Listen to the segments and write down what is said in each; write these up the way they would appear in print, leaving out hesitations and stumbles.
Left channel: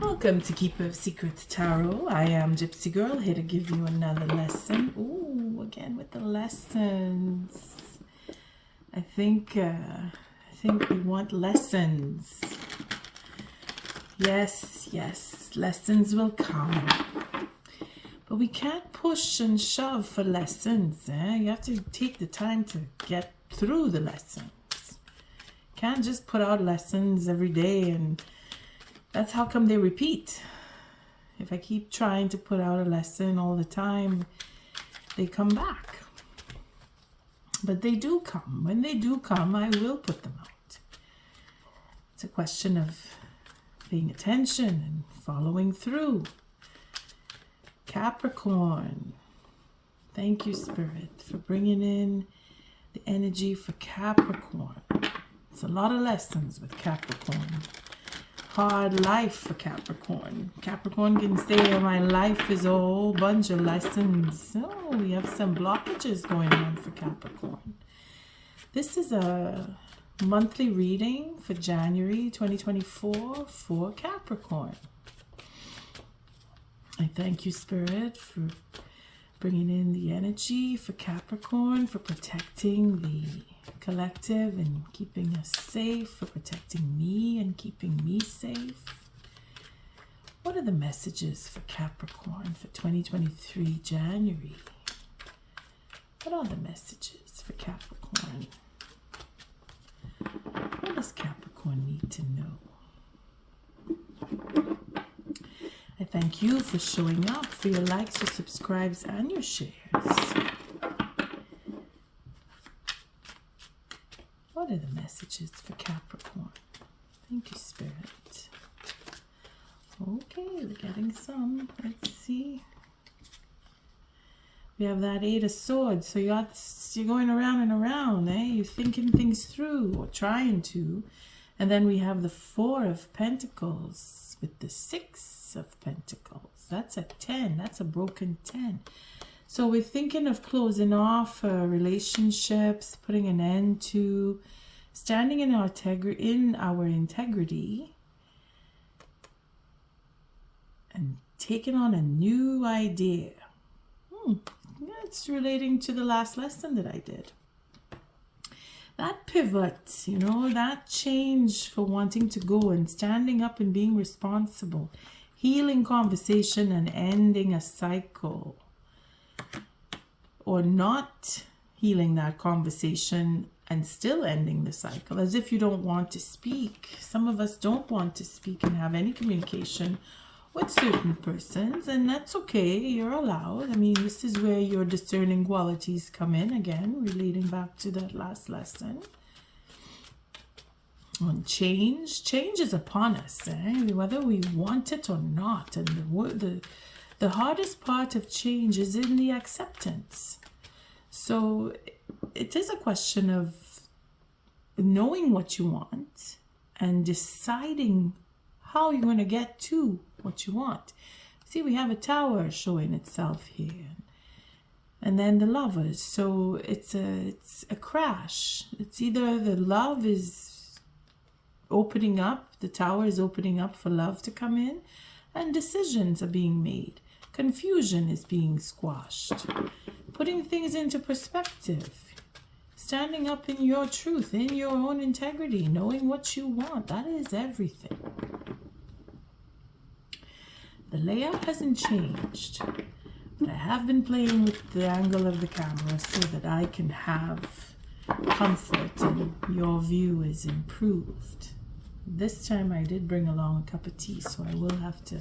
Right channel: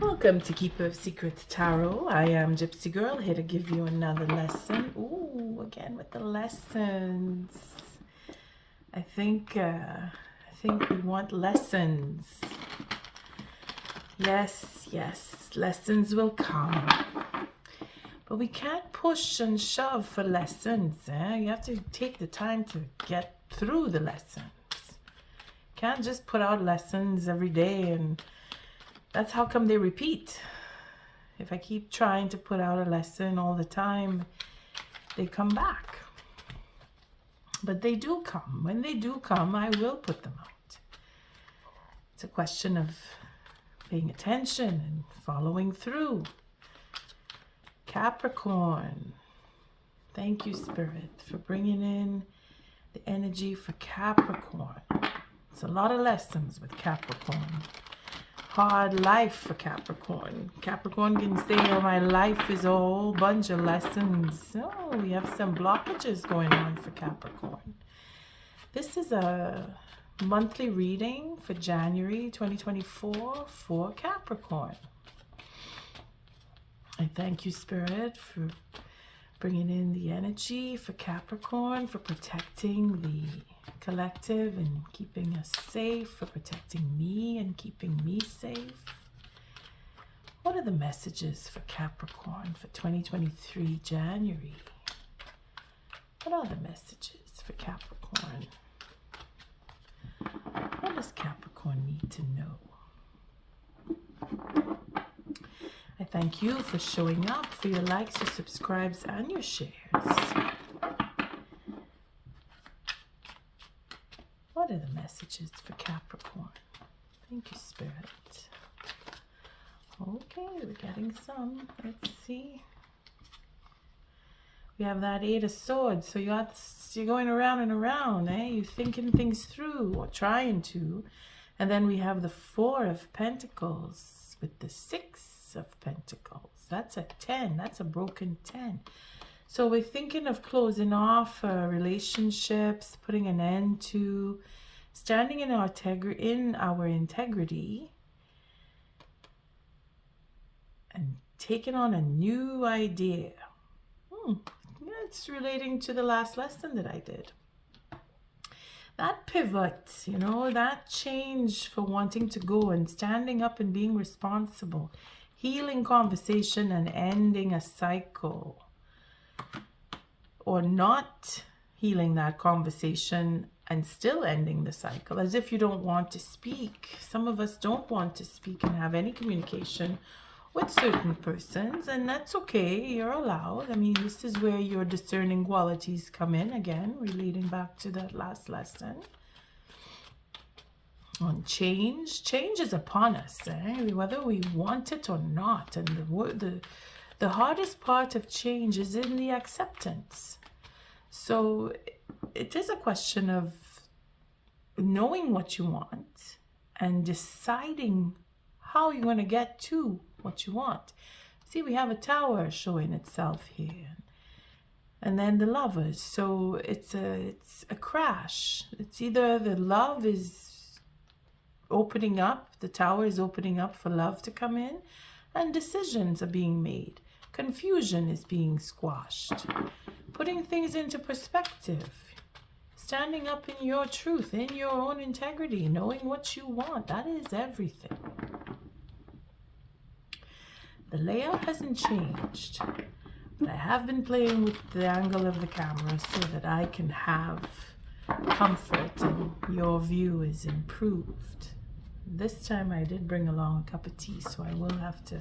Welcome to Keeper of Secrets Tarot. I am Gypsy Girl, here to give you another lesson. Ooh, again with the lessons. I think we want lessons. Yes, lessons will come. But we can't push and shove for lessons. You have to take the time to get through the lessons. Can't just put out lessons every day, and that's how come they repeat. If I keep trying to put out a lesson all the time, they come back. But they do come. When they do come, I will put them out. It's a question of paying attention and following through. Capricorn. Thank you, Spirit, for bringing in the energy for Capricorn. It's a lot of lessons with Capricorn. Hard life for Capricorn. Capricorn can say, oh, my life is a whole bunch of lessons. Oh, we have some blockages going on for Capricorn. This is a monthly reading for January 2024 for Capricorn. I thank you, Spirit, for bringing in the energy for Capricorn, for protecting the collective and keeping us safe, for protecting me and keeping me safe. What are the messages for Capricorn for 2023 January? What are the messages for Capricorn? What does Capricorn need to know? I thank you for showing up, for your likes, your subscribes, and your shares. What are the messages for Capricorn? Thank you, Spirit. Okay, we're getting some. Let's see. We have that Eight of Swords. So you're going around and around, eh? You're thinking things through or trying to. And then we have the Four of Pentacles with the Six of Pentacles. That's a 10. That's a broken 10. So we're thinking of closing off relationships, putting an end to, standing in our integrity, and taking on a new idea. It's relating to the last lesson that I did. That pivot, that change for wanting to go and standing up and being responsible, healing conversation and ending a cycle. Or not healing that conversation and still ending the cycle, as if you don't want to speak. Some of us don't want to speak and have any communication with certain persons, and that's okay. You're allowed. I mean, this is where your discerning qualities come in again, relating back to that last lesson. On change. Change is upon us, whether we want it or not. And the hardest part of change is in the acceptance. So it is a question of knowing what you want and deciding how you're going to get to what you want. See, we have a tower showing itself here. And then the Lovers. So it's a crash. It's either the love is opening up, the tower is opening up for love to come in, and decisions are being made. Confusion is being squashed. Putting things into perspective. Standing up in your truth, in your own integrity, knowing what you want. That is everything. The layout hasn't changed, but I have been playing with the angle of the camera so that I can have comfort and your view is improved. This time I did bring along a cup of tea, so I will have to...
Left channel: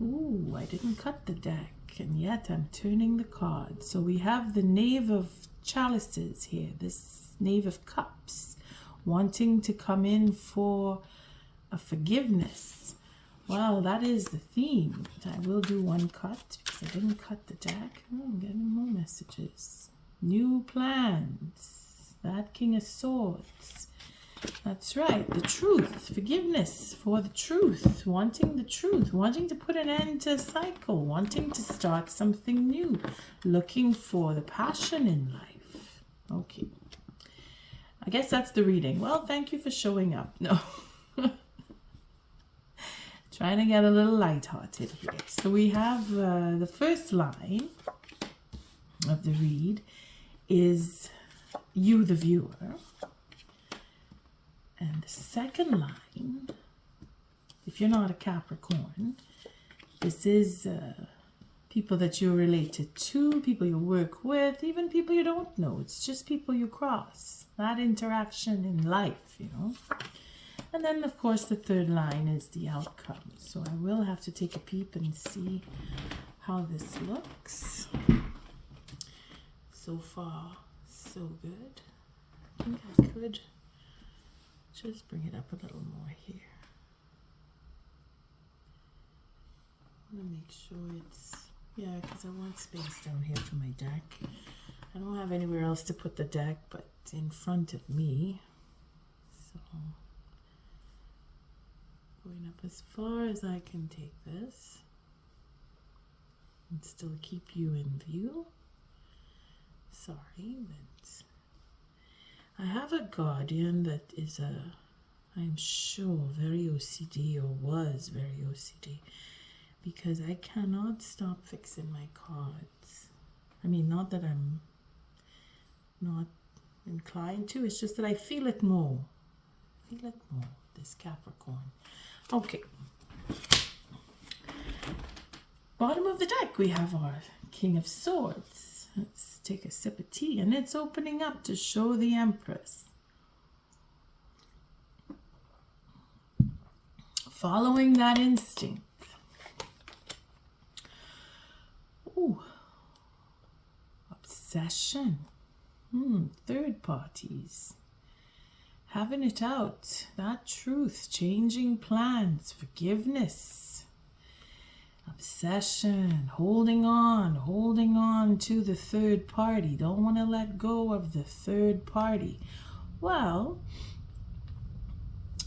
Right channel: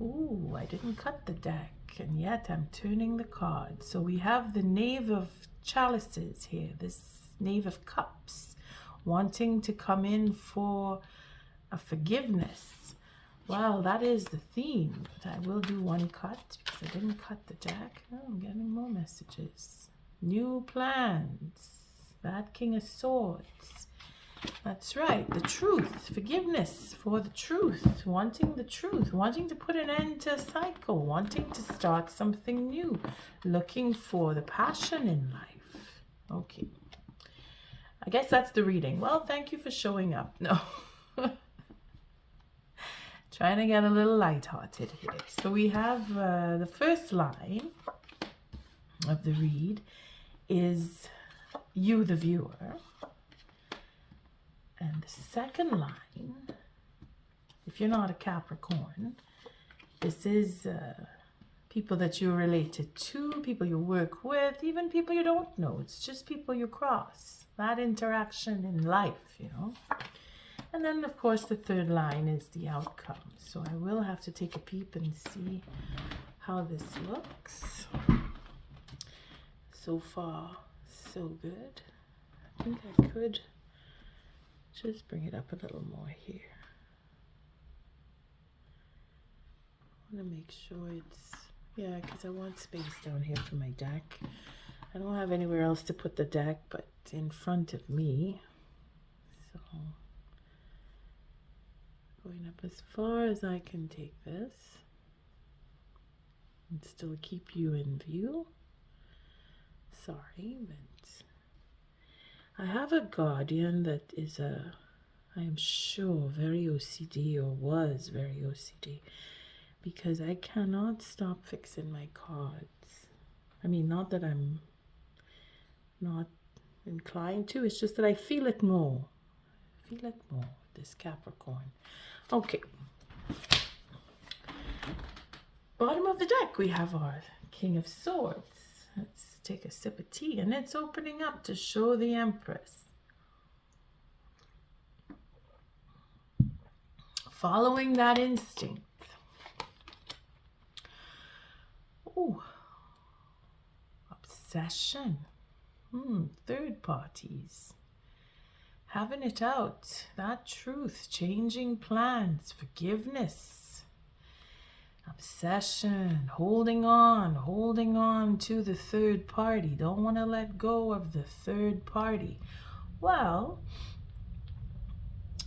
Ooh, I didn't cut the deck, and yet I'm turning the cards. So we have the Knave of Chalices here, this Knave of Cups, wanting to come in for a forgiveness. Wow, that is the theme. I will do one cut because I didn't cut the deck. Oh, I'm getting more messages. New plans. That King of Swords. That's right, the truth, forgiveness for the truth, wanting to put an end to a cycle, wanting to start something new, looking for the passion in life. Okay, I guess that's the reading. Well, thank you for showing up. No, Trying to get a little lighthearted here. So we have the first line of the read is you, the viewer. And the second line, if you're not a Capricorn, this is people that you're related to, people you work with, even people you don't know. It's just people you cross. That interaction in life, you know. And then, of course, the third line is the outcome. So I will have to take a peep and see how this looks. So far, so good. I think I could just bring it up a little more here. I'm going to make sure it's, yeah, because I want space down here for my deck. I don't have anywhere else to put the deck but in front of me. So going up as far as I can take this and still keep you in view. Sorry, but I have a guardian that is I am sure very OCD, or was very OCD, because I cannot stop fixing my cards. I mean, not that I'm not inclined to, it's just that I feel it more. This Capricorn. Okay. Bottom of the deck, we have our King of Swords. Let's take a sip of tea, and it's opening up to show the Empress. Following that instinct. Ooh. Obsession. Third parties. Having it out. That truth. Changing plans. Forgiveness. Obsession. Holding on to the third party. Don't want to let go of the third party. Well,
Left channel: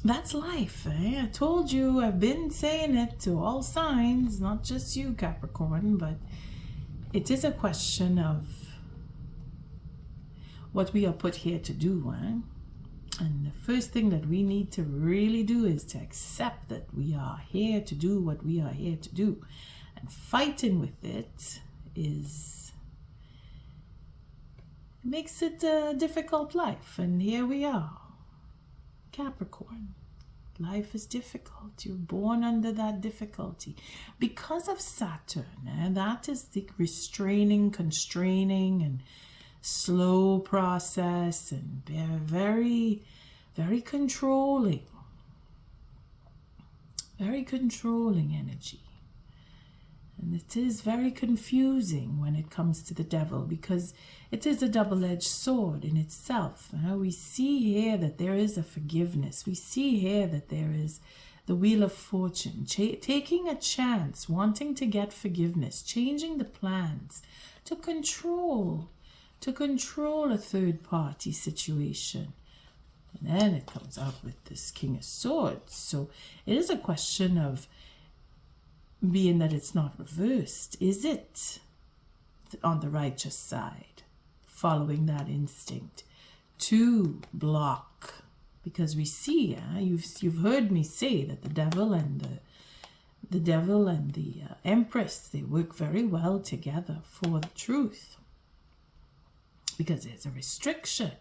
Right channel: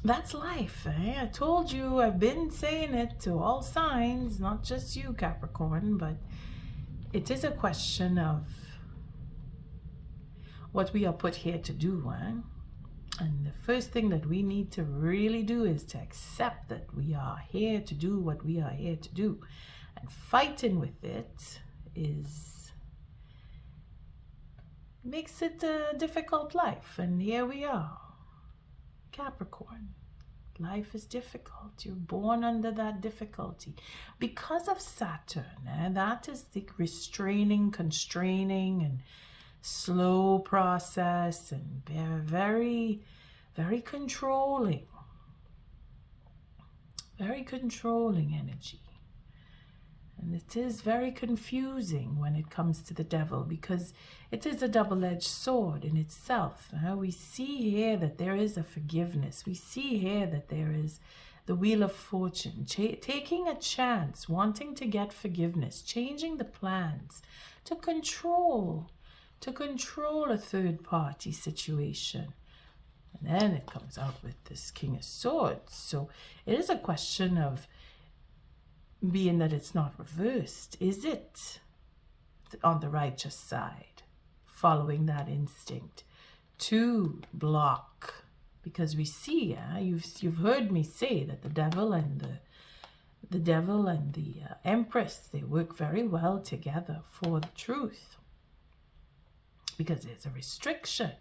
that's life, eh? I told you, I've been saying it to all signs, not just you, Capricorn, but it is a question of what we are put here to do, eh? And the first thing that we need to really do is to accept that we are here to do what we are here to do. And fighting with it makes it a difficult life. And here we are. Capricorn. Life is difficult. You're born under that difficulty. Because of Saturn, that is the restraining, constraining, and slow process, and very, very controlling energy. And it is very confusing when it comes to the devil, because it is a double-edged sword in itself. We see here that there is a forgiveness. We see here that there is the Wheel of Fortune, taking a chance, wanting to get forgiveness, changing the plans to control a third-party situation. And then it comes out with this King of Swords. So it is a question of, being that it's not reversed, is it on the righteous side, following that instinct to block? Because we see, you've heard me say that the devil and the Empress, they work very well together for the truth. Because there's a restriction.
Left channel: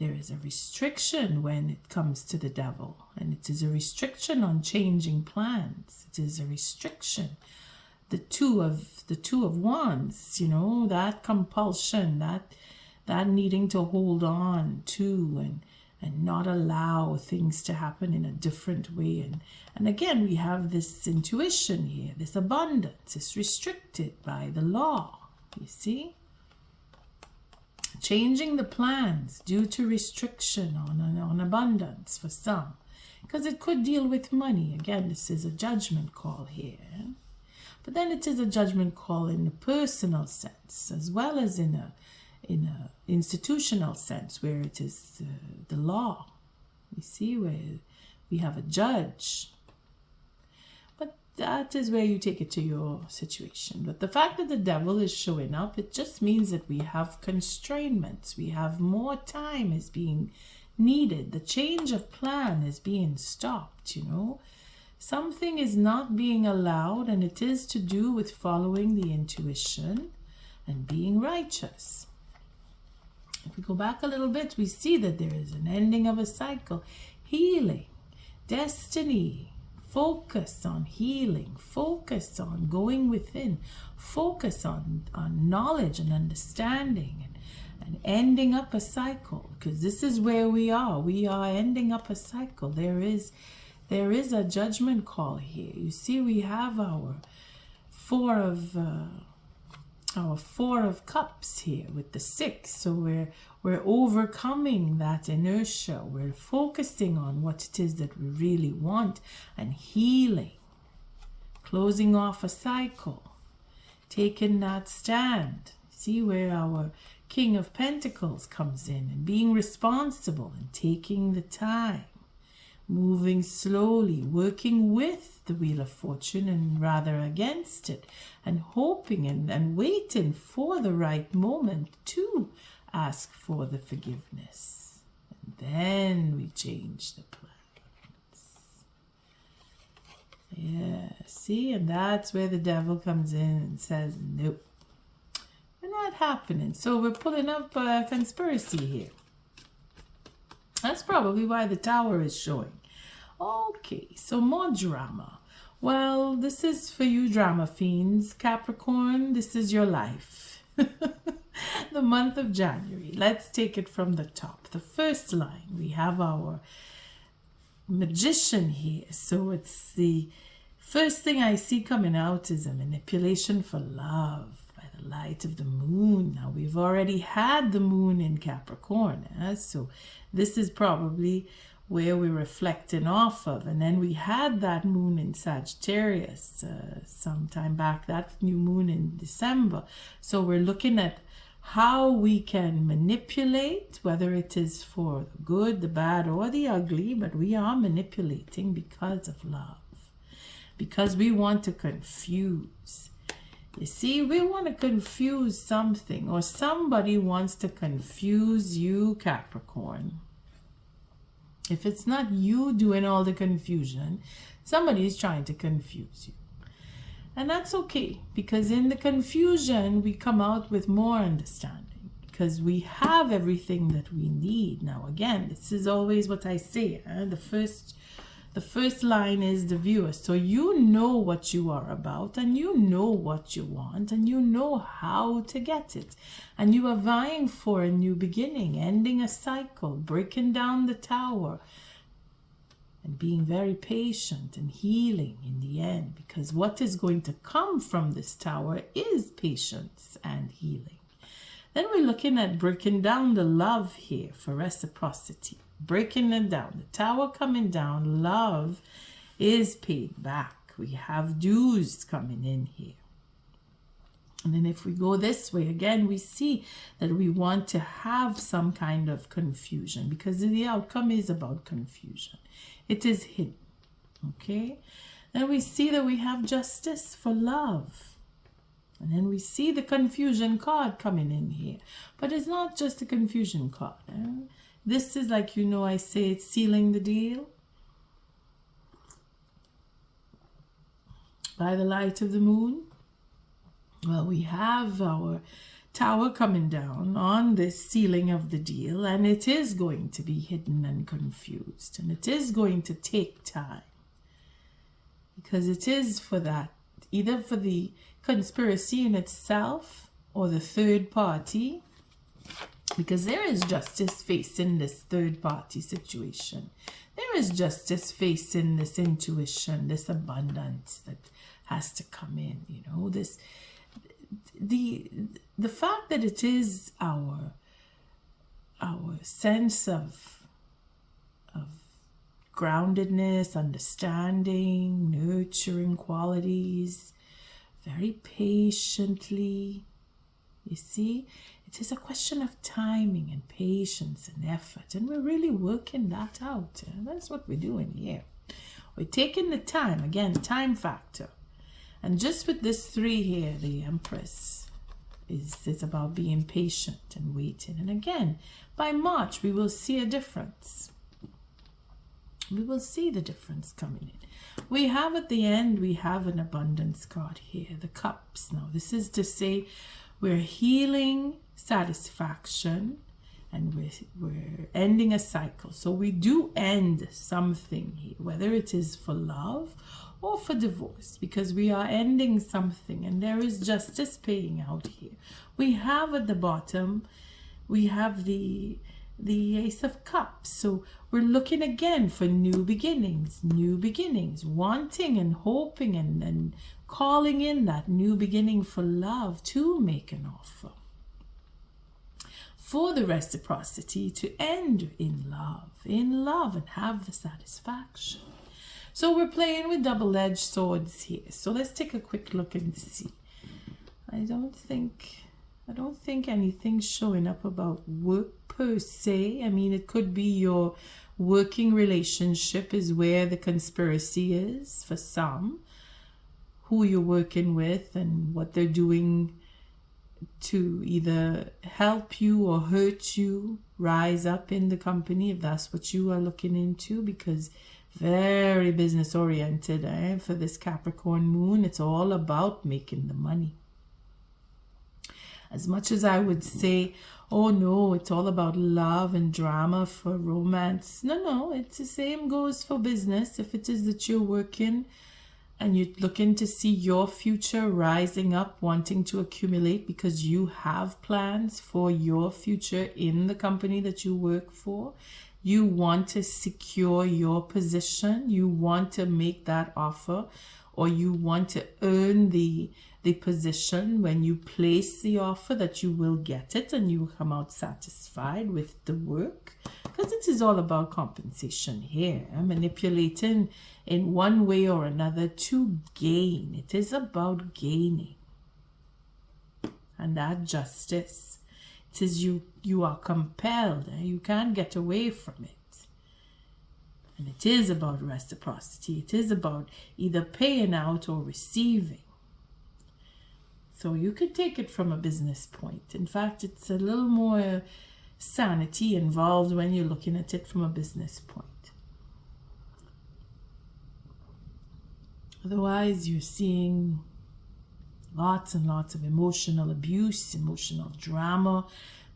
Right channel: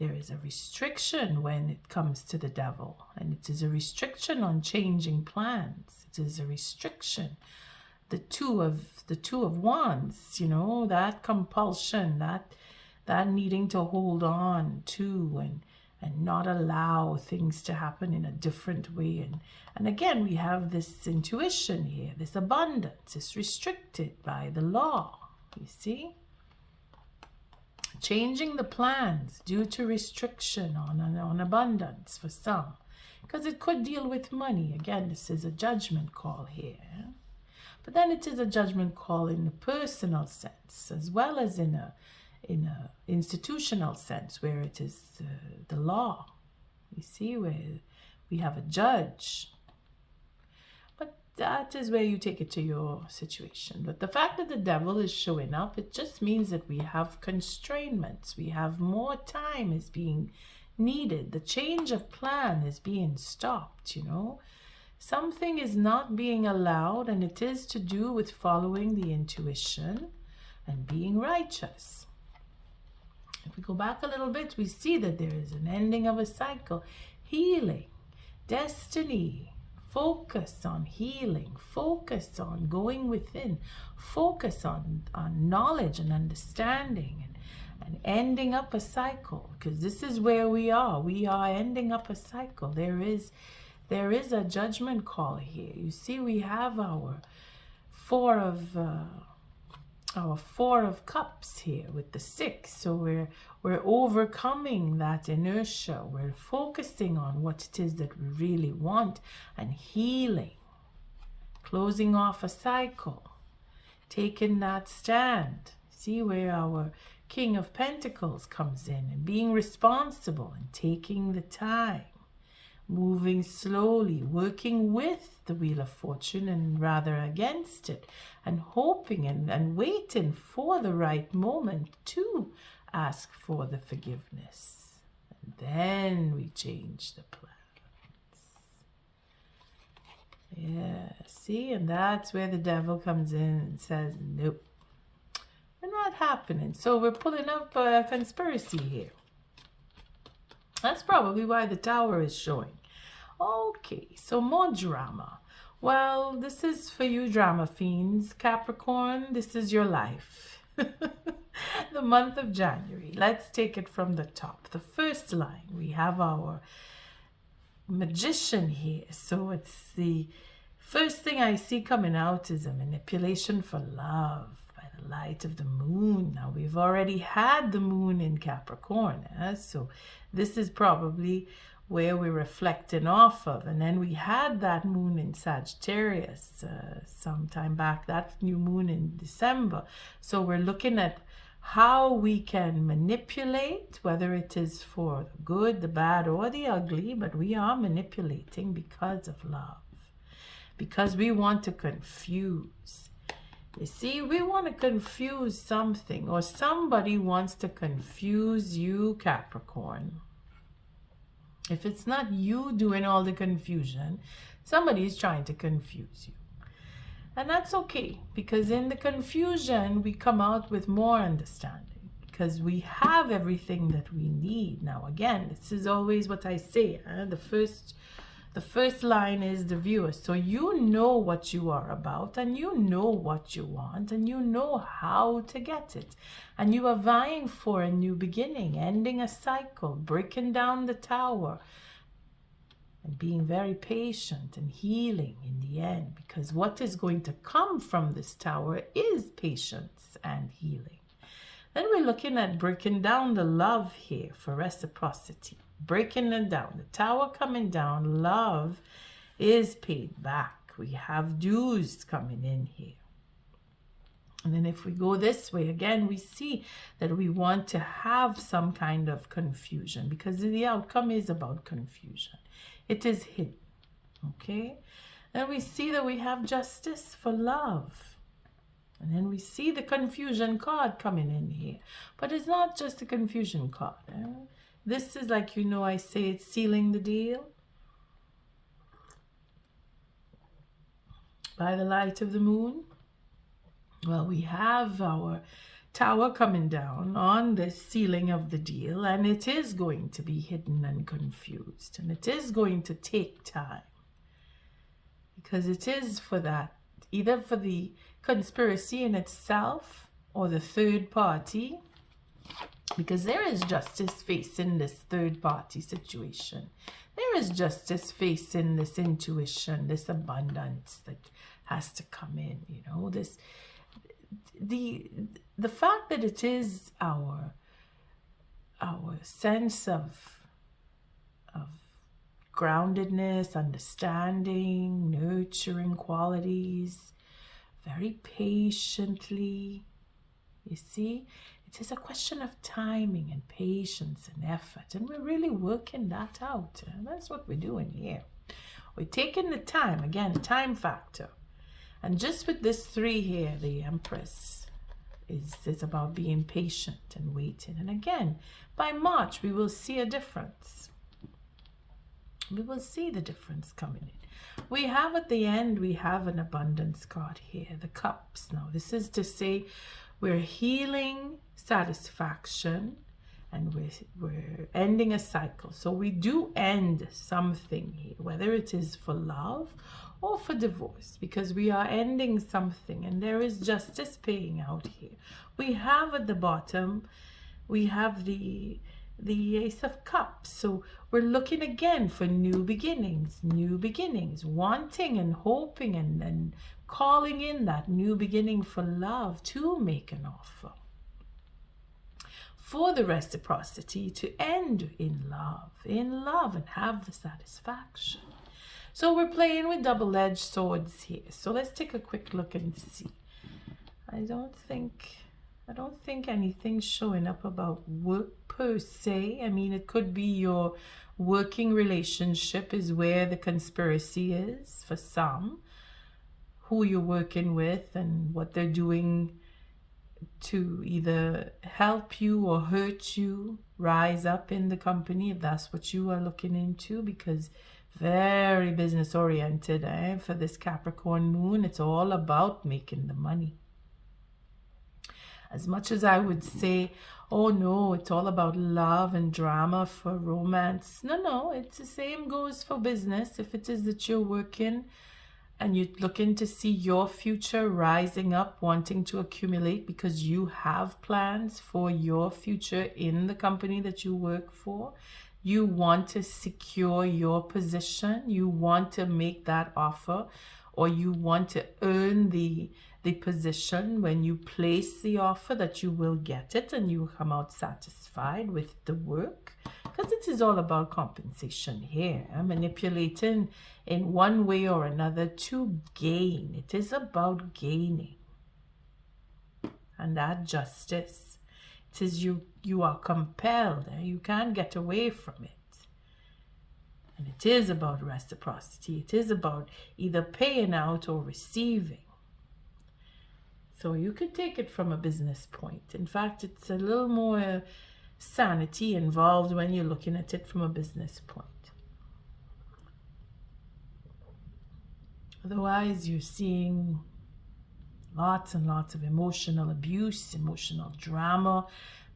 There is a restriction when it comes to the devil, and it is a restriction on changing plans. It is a restriction. The two of wands, that compulsion, that needing to hold on to and not allow things to happen in a different way. And again, we have this intuition here, this abundance. It's restricted by the law, you see? Changing the plans due to restriction on abundance for some, because it could deal with money. Again, this is a judgment call here, but then it is a judgment call in a personal sense as well as in a institutional sense, where it is the law. You see, where we have a judge. That is where you take it to your situation. But the fact that the devil is showing up, it just means that we have constraints. We have more time is being needed. The change of plan is being stopped, Something is not being allowed, and it is to do with following the intuition and being righteous. If we go back a little bit, we see that there is an ending of a cycle, healing, destiny. Focus on healing, focus on going within, focus on knowledge and understanding, and ending up a cycle, because this is where we are ending up a cycle. There is a judgment call here. You see, we have our four of cups here with the 6. So we're overcoming that inertia. We're focusing on what it is that we really want and healing, closing off a cycle, taking that stand. See where our King of Pentacles comes in, and being responsible and taking the time, moving slowly, working with the Wheel of Fortune and rather against it, and hoping and waiting for the right moment to ask for the forgiveness. And then we change the plans. Yeah, see, and that's where the devil comes in and says, nope, we're not happening. So we're pulling up a conspiracy here. That's probably why the Tower is showing. Okay, so more drama. Well, this is for you drama fiends. Capricorn, this is your life. The month of January. Let's take it from the top. The first line, we have our Magician here. So it's the first thing I see coming out is a manipulation for love by the light of the moon. Now, we've already had the moon in Capricorn. So this is probably where we're reflecting off of. And then we had that moon in Sagittarius sometime back, that new moon in December. So we're looking at how we can manipulate, whether it is for the good, the bad, or the ugly, but we are manipulating because of love, because we want to confuse. You see, we want to confuse something, or somebody wants to confuse you, Capricorn. If it's not you doing all the confusion, somebody is trying to confuse you. And that's okay, because in the confusion, we come out with more understanding, because we have everything that we need. Now, again, this is always what I say. The first line is the viewer. So you know what you are about, and you know what you want, and you know how to get it. And you are vying for a new beginning, ending a cycle, breaking down the tower, and being very patient and healing in the end, because what is going to come from this tower is patience and healing. Then we're looking at breaking down the love here for reciprocity. Breaking it down. The tower coming down, love is paid back. We have dues coming in here. And then if we go this way, again, we see that we want to have some kind of confusion, because the outcome is about confusion. It is hidden. Okay? Then we see that we have justice for love. And then we see the confusion card coming in here. But it's not just a confusion card. This is like, I say it's sealing the deal. By the light of the moon. Well, we have our tower coming down on this sealing of the deal, and it is going to be hidden and confused, and it is going to take time, because it is for that, either for the conspiracy in itself or the third party, because there is justice facing this third party situation. There is justice facing this intuition, this abundance that has to come in, this the fact that it is our sense of groundedness, understanding, nurturing qualities, very patiently. You see, it is a question of timing and patience and effort, and we're really working that out. That's what we're doing here. We're taking the time, again, time factor. And just with this 3 here, the Empress is about being patient and waiting. And again, by March, we will see a difference. We will see the difference coming in. We have at the end, we have an abundance card here, the cups. Now, this is to say we're healing satisfaction and we're ending a cycle. So we do end something here, whether it is for love or for divorce, because we are ending something and there is justice paying out here. We have at the bottom, we have the Ace of Cups. So we're looking again for new beginnings, wanting and hoping and calling in that new beginning for love to make an offer. For the reciprocity to end in love and have the satisfaction. So we're playing with double-edged swords here. So let's take a quick look and see. I don't think anything's showing up about work per se. I mean, it could be your working relationship is where the conspiracy is for some, who you're working with and what they're doing to either help you or hurt you rise up in the company, if that's what you are looking into, because very business oriented for this Capricorn moon. It's all about making the money. As much as I would say, oh no, it's all about love and drama for romance. No, it's the same goes for business. If it is that you're working and you're looking to see your future rising up, wanting to accumulate because you have plans for your future in the company that you work for, you want to secure your position, you want to make that offer, or you want to earn the position when you place the offer, that you will get it and you will come out satisfied with the work, because it is all about compensation here, manipulating in one way or another to gain. It is about gaining, and that justice. It is you are compelled, you can't get away from it. And it is about reciprocity. It is about either paying out or receiving. So you could take it from a business point. In fact, it's a little more sanity involved when you're looking at it from a business point. Otherwise, you're seeing lots and lots of emotional abuse, emotional drama,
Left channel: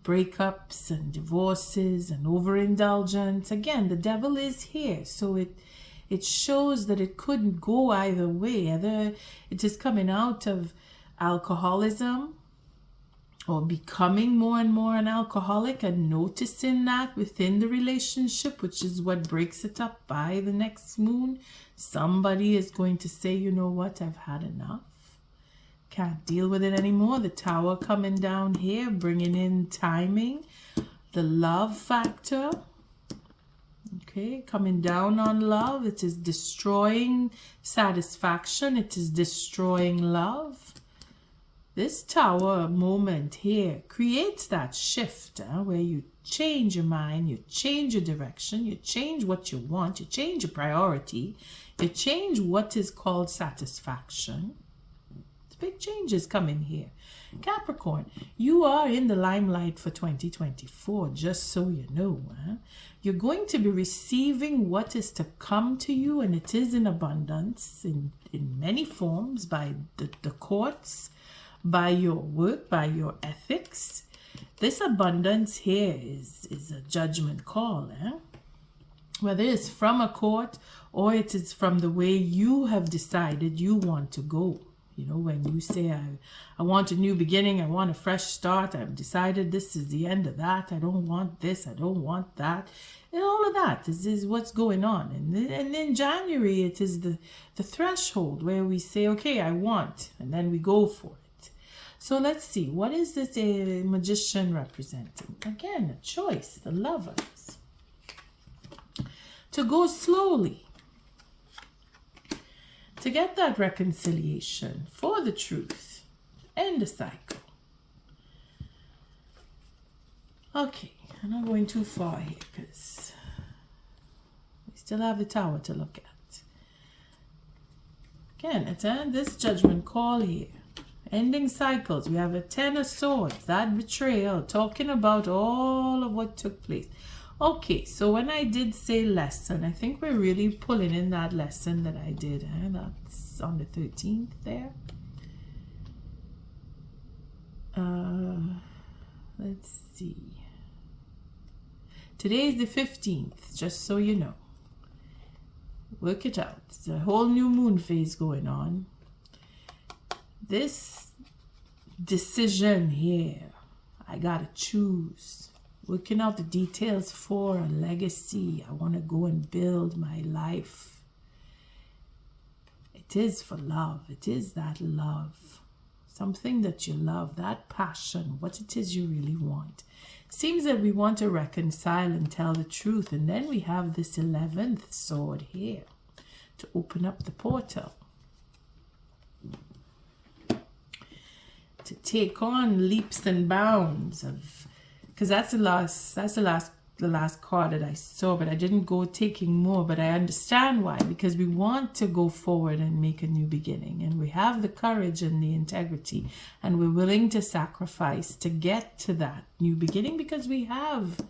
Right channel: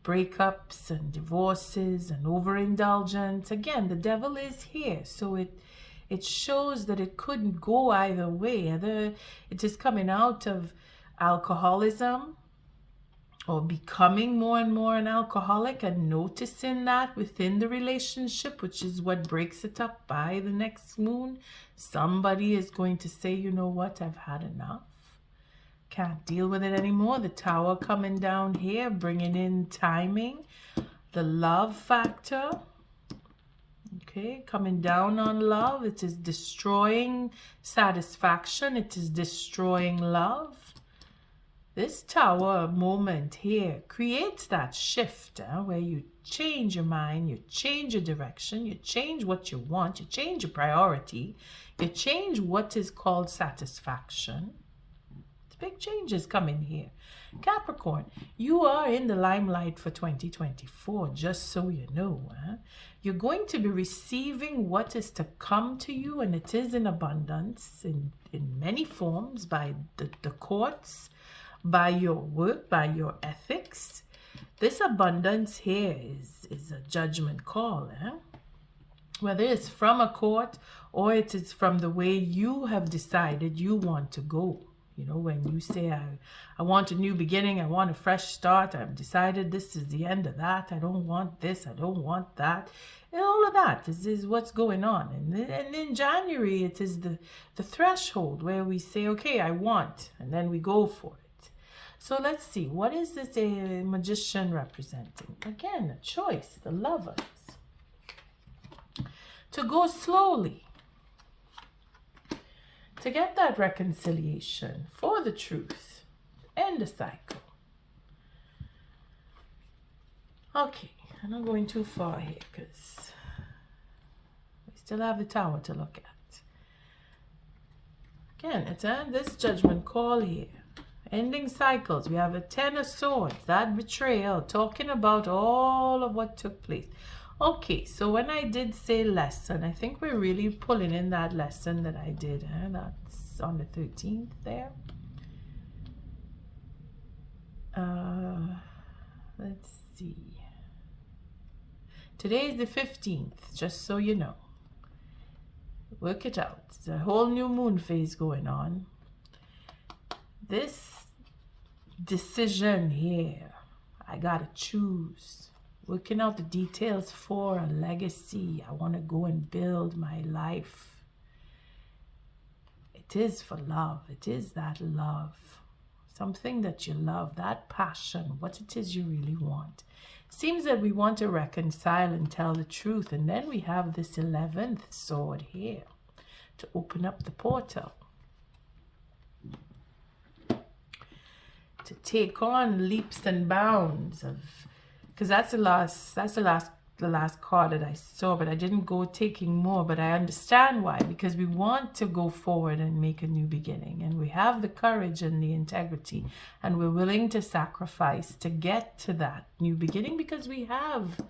breakups and divorces and overindulgence. Again, the devil is here. So it shows that it couldn't go either way. Either it is coming out of alcoholism or becoming more and more an alcoholic and noticing that within the relationship, which is what breaks it up by the next moon. Somebody is going to say, you know what, I've had enough. Can't deal with it anymore. The Tower coming down here, bringing in timing, the love factor. Okay, coming down on love. It is destroying satisfaction. It is destroying love. This Tower moment here creates that shift where you change your mind, you change your direction, you change what you want, you change your priority, you change what is called satisfaction. Big changes coming here. Capricorn, you are in the limelight for 2024, just so you know. You're going to be receiving what is to come to you, and it is in abundance in many forms, by the courts, by your work, by your ethics. This abundance here is a judgment call. Whether it's from a court or it is from the way you have decided you want to go. You know, when you say, I want a new beginning, I want a fresh start, I've decided this is the end of that, I don't want this, I don't want that. And all of that is what's going on. And in January, it is the threshold where we say, okay, I want, and then we go for it. So let's see, what is this Magician representing? Again, a choice, the Lovers. To go slowly. To get that reconciliation for the truth. End the cycle. Okay, I'm not going too far here because we still have the Tower to look at. Again, it's this judgment call here. Ending cycles. We have a Ten of Swords, that betrayal, talking about all of what took place. Okay, so when I did say lesson, I think we're really pulling in that lesson that I did. That's on the 13th there. Let's see. Today is the 15th, just so you know. Work it out. It's a whole new moon phase going on. This decision here, I gotta choose. Working out the details for a legacy. I want to go and build my life. It is for love. It is that love. Something that you love, that passion, what it is you really want. Seems that we want to reconcile and tell the truth. And then we have this 11th sword here to open up the portal. To take on leaps and bounds of, because that's the last card that I saw, but I didn't go taking more, but I understand why, because we want to go forward and make a new beginning, and we have the courage and the integrity, and we're willing to sacrifice to get to that new beginning, because we have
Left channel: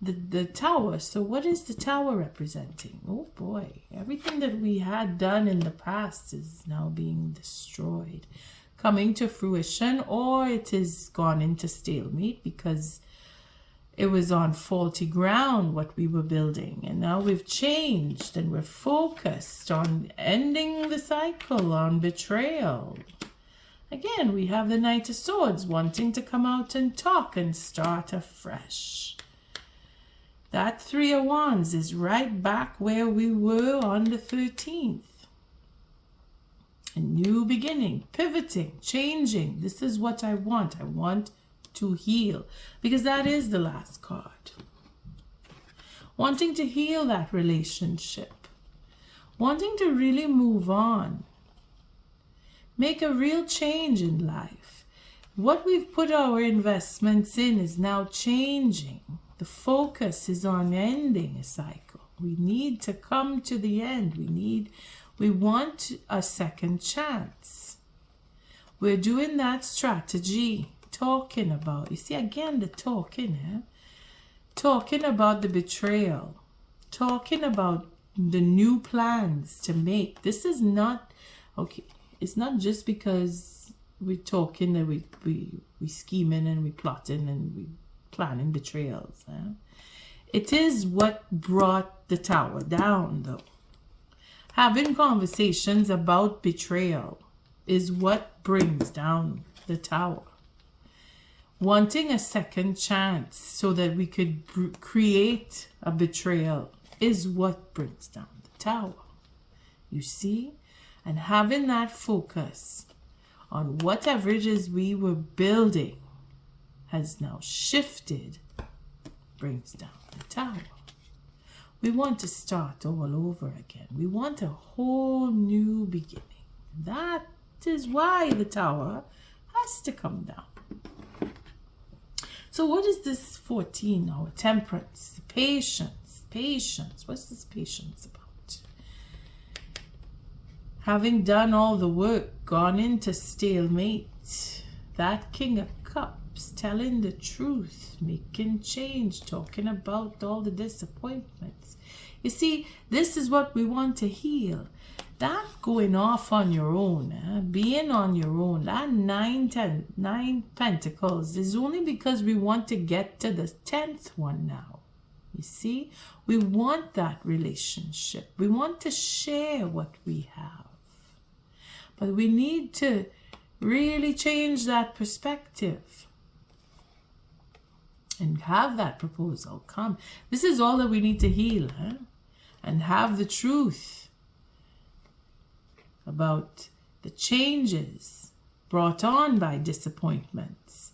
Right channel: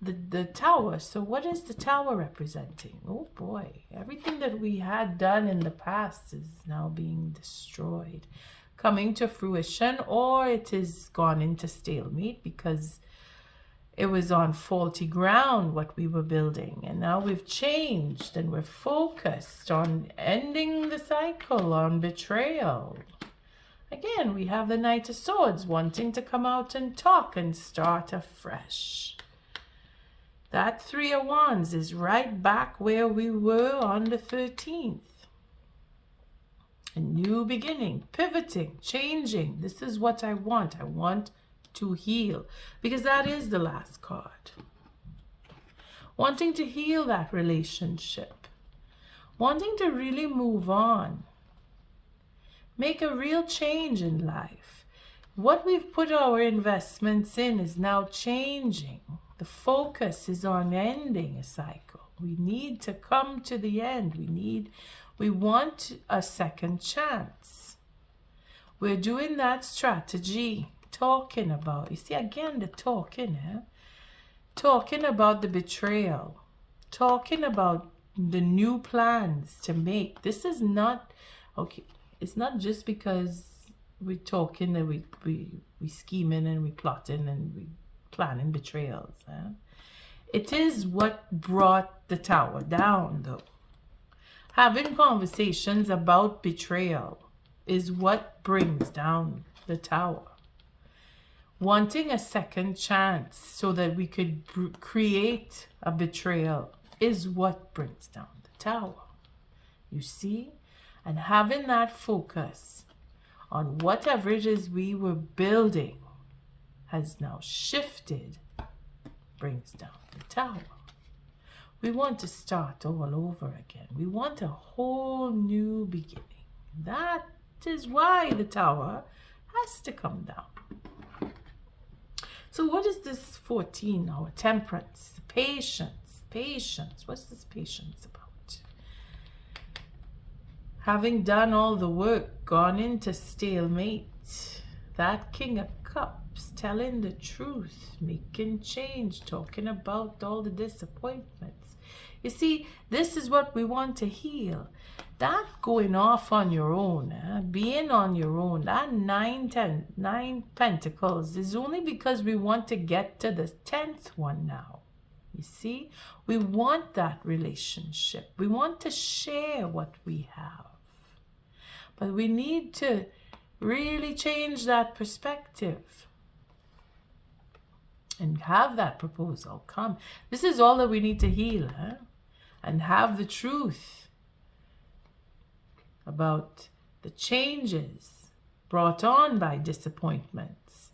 the tower. So what is the tower representing? Oh boy, everything that we had done in the past is now being destroyed, coming to fruition, or it is gone into stalemate because it was on faulty ground what we were building, and now we've changed and we're focused on ending the cycle, on betrayal. Again, we have the Knight of Swords wanting to come out and talk and start afresh. That Three of Wands is right back where we were on the 13th. A new beginning, pivoting, changing. This is what I want. I want to heal, because that is the last card. Wanting to heal that relationship, wanting to really move on, make a real change in life. What we've put our investments in is now changing. The focus is on ending a cycle. We need to come to the end. We want a second chance. We're doing that strategy. Talking about, you see again the talking, talking about the betrayal, talking about the new plans to make. This is not, okay, it's not just because we're talking that we scheming and we plotting and we planning betrayals. It is what brought the tower down, though. Having conversations about betrayal is what brings down the tower. Wanting a second chance so that we could create a betrayal is what brings down the tower. You see? And having that focus on whatever it is we were building has now shifted, brings down the tower. We want to start all over again. We want a whole new beginning. That is why the tower has to come down. So what is this 14 now? Temperance, patience, patience. What's this patience about? Having done all the work, gone into stalemate, that King of Cups, telling the truth, making change, talking about all the disappointments. You see, this is what we want to heal. That going off on your own, being on your own, that 9 pentacles is only because we want to get to the 10th one now. You see, we want that relationship. We want to share what we have. But we need to really change that perspective and have that proposal come. This is all that we need to heal, and have the truth about the changes brought on by disappointments,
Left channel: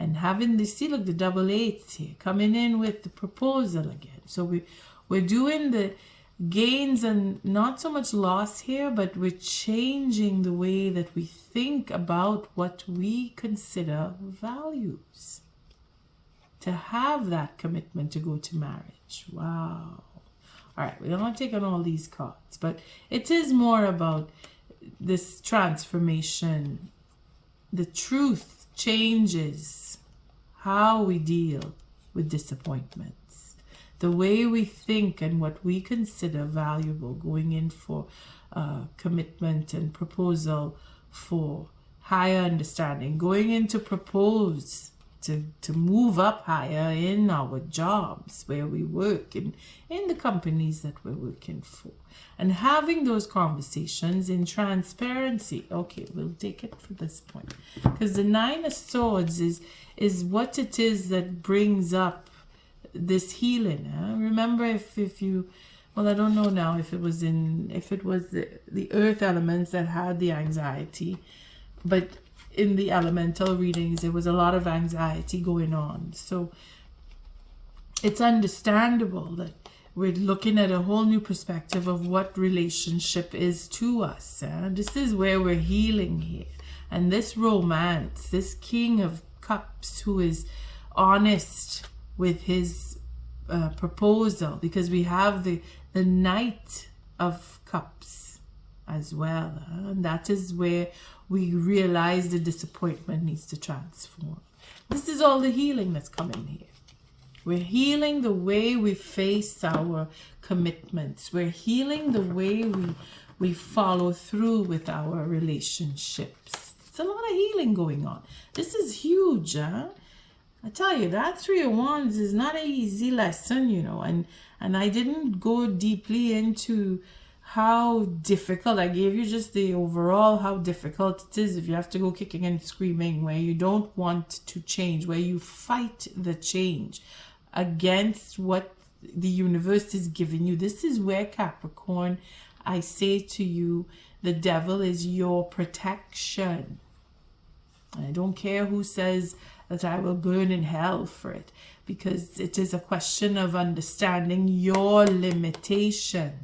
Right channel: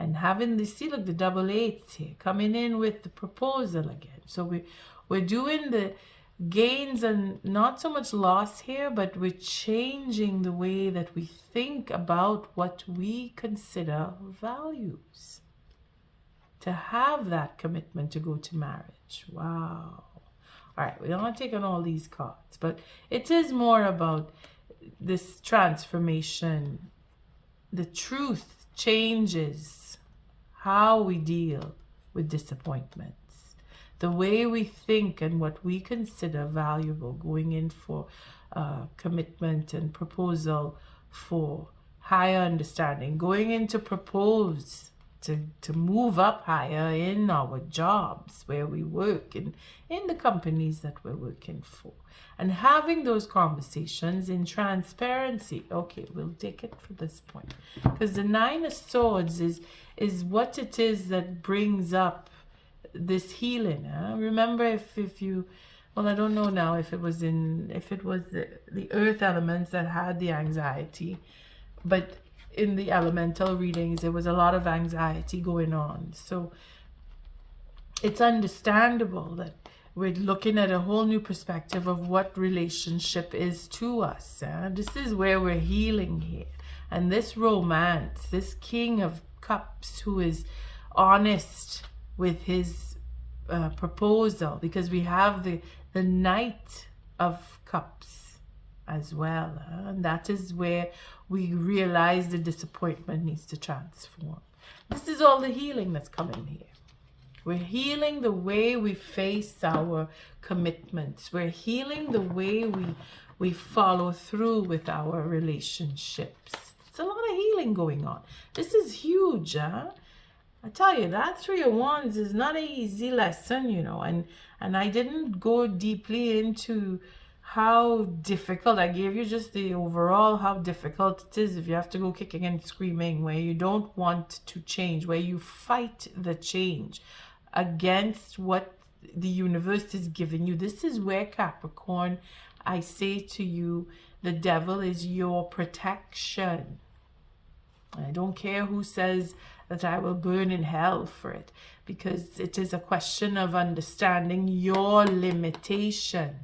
and having the, see, look, the double eights here coming in with the proposal again. So we're doing the gains and not so much loss here, but we're changing the way that we think about what we consider values to have that commitment to go to marriage. Wow. All right, we don't want to take on all these cards, but it is more about this transformation. The truth changes how we deal with disappointments. the way we think and what we consider valuable, going in for commitment and proposal for higher understanding, going in to propose to move up higher in our jobs where we work, in the companies that we're working for, and having those conversations in transparency. Okay, we'll take it from this point, because the Nine of Swords is what it is that brings up this healing. Remember, if you, well, I don't know now if it was the earth elements that had the anxiety, but in the elemental readings there was a lot of anxiety going on. So it's understandable that we're looking at a whole new perspective of what relationship is to us. This is where we're healing here. And this romance, this King of Cups who is honest with his proposal, because we have the Knight of Cups as well. And that is where we realize the disappointment needs to transform. This is all the healing that's coming here. We're healing the way we face our commitments. We're healing the way we follow through with our relationships. It's a lot of healing going on. This is huge, huh? I tell you, that Three of Wands is not an easy lesson, you know, and I didn't go deeply into how difficult. I gave you just the overall how difficult it is if you have to go kicking and screaming, where you don't want to change, where you fight the change against what the universe is giving you. This is where, Capricorn, I say to you, the devil is your protection. I don't care who says that I will burn in hell for it, because it is a question of understanding your limitations.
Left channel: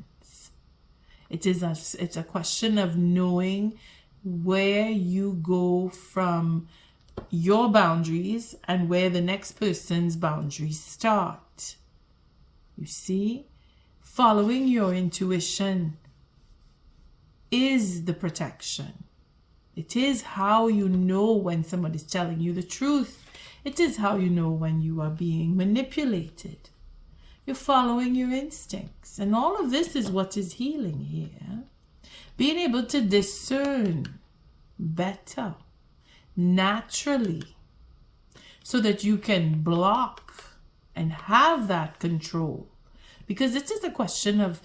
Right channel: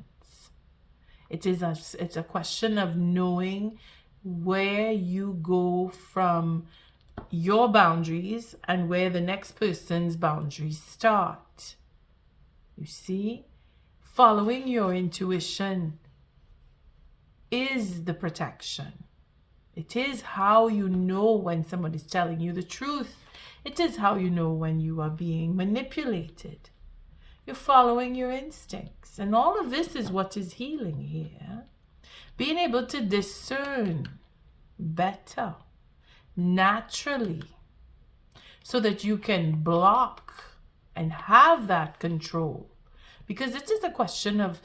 It's a question of knowing where you go from your boundaries and where the next person's boundaries start. You see, following your intuition is the protection. It is how you know when somebody's telling you the truth. It is how you know when you are being manipulated. You're following your instincts. And all of this is what is healing here. Being able to discern better, naturally, so that you can block and have that control. Because it is a question of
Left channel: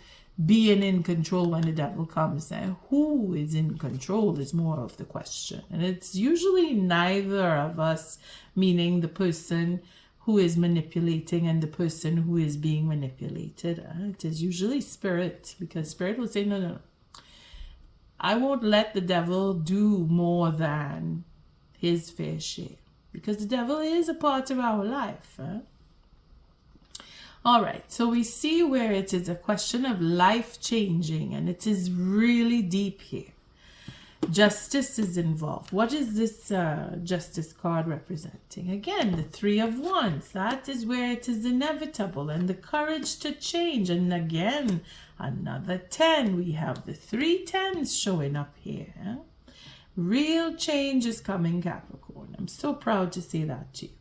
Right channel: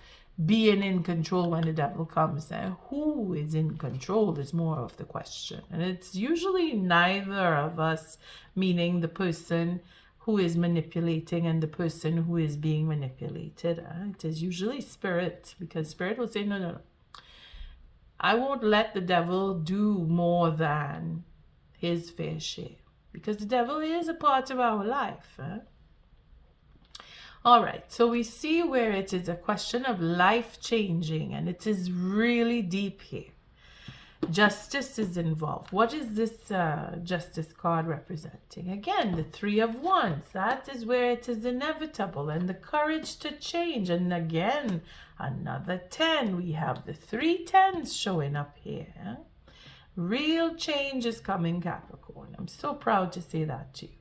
being in control when the devil comes. And who is in control is more of the question. And it's usually neither of us, meaning the person who is manipulating and the person who is being manipulated. It is usually spirit, because spirit will say, no, I won't let the devil do more than his fair share, because the devil is a part of our life. All right, so we see where it is a question of life changing, and it is really deep here. Justice is involved. What is this justice card representing? Again, the Three of Wands. That is where it is inevitable, and the courage to change. And again, another 10. We have the 3 10s showing up here. Real change is coming, Capricorn. I'm so proud to say that to you.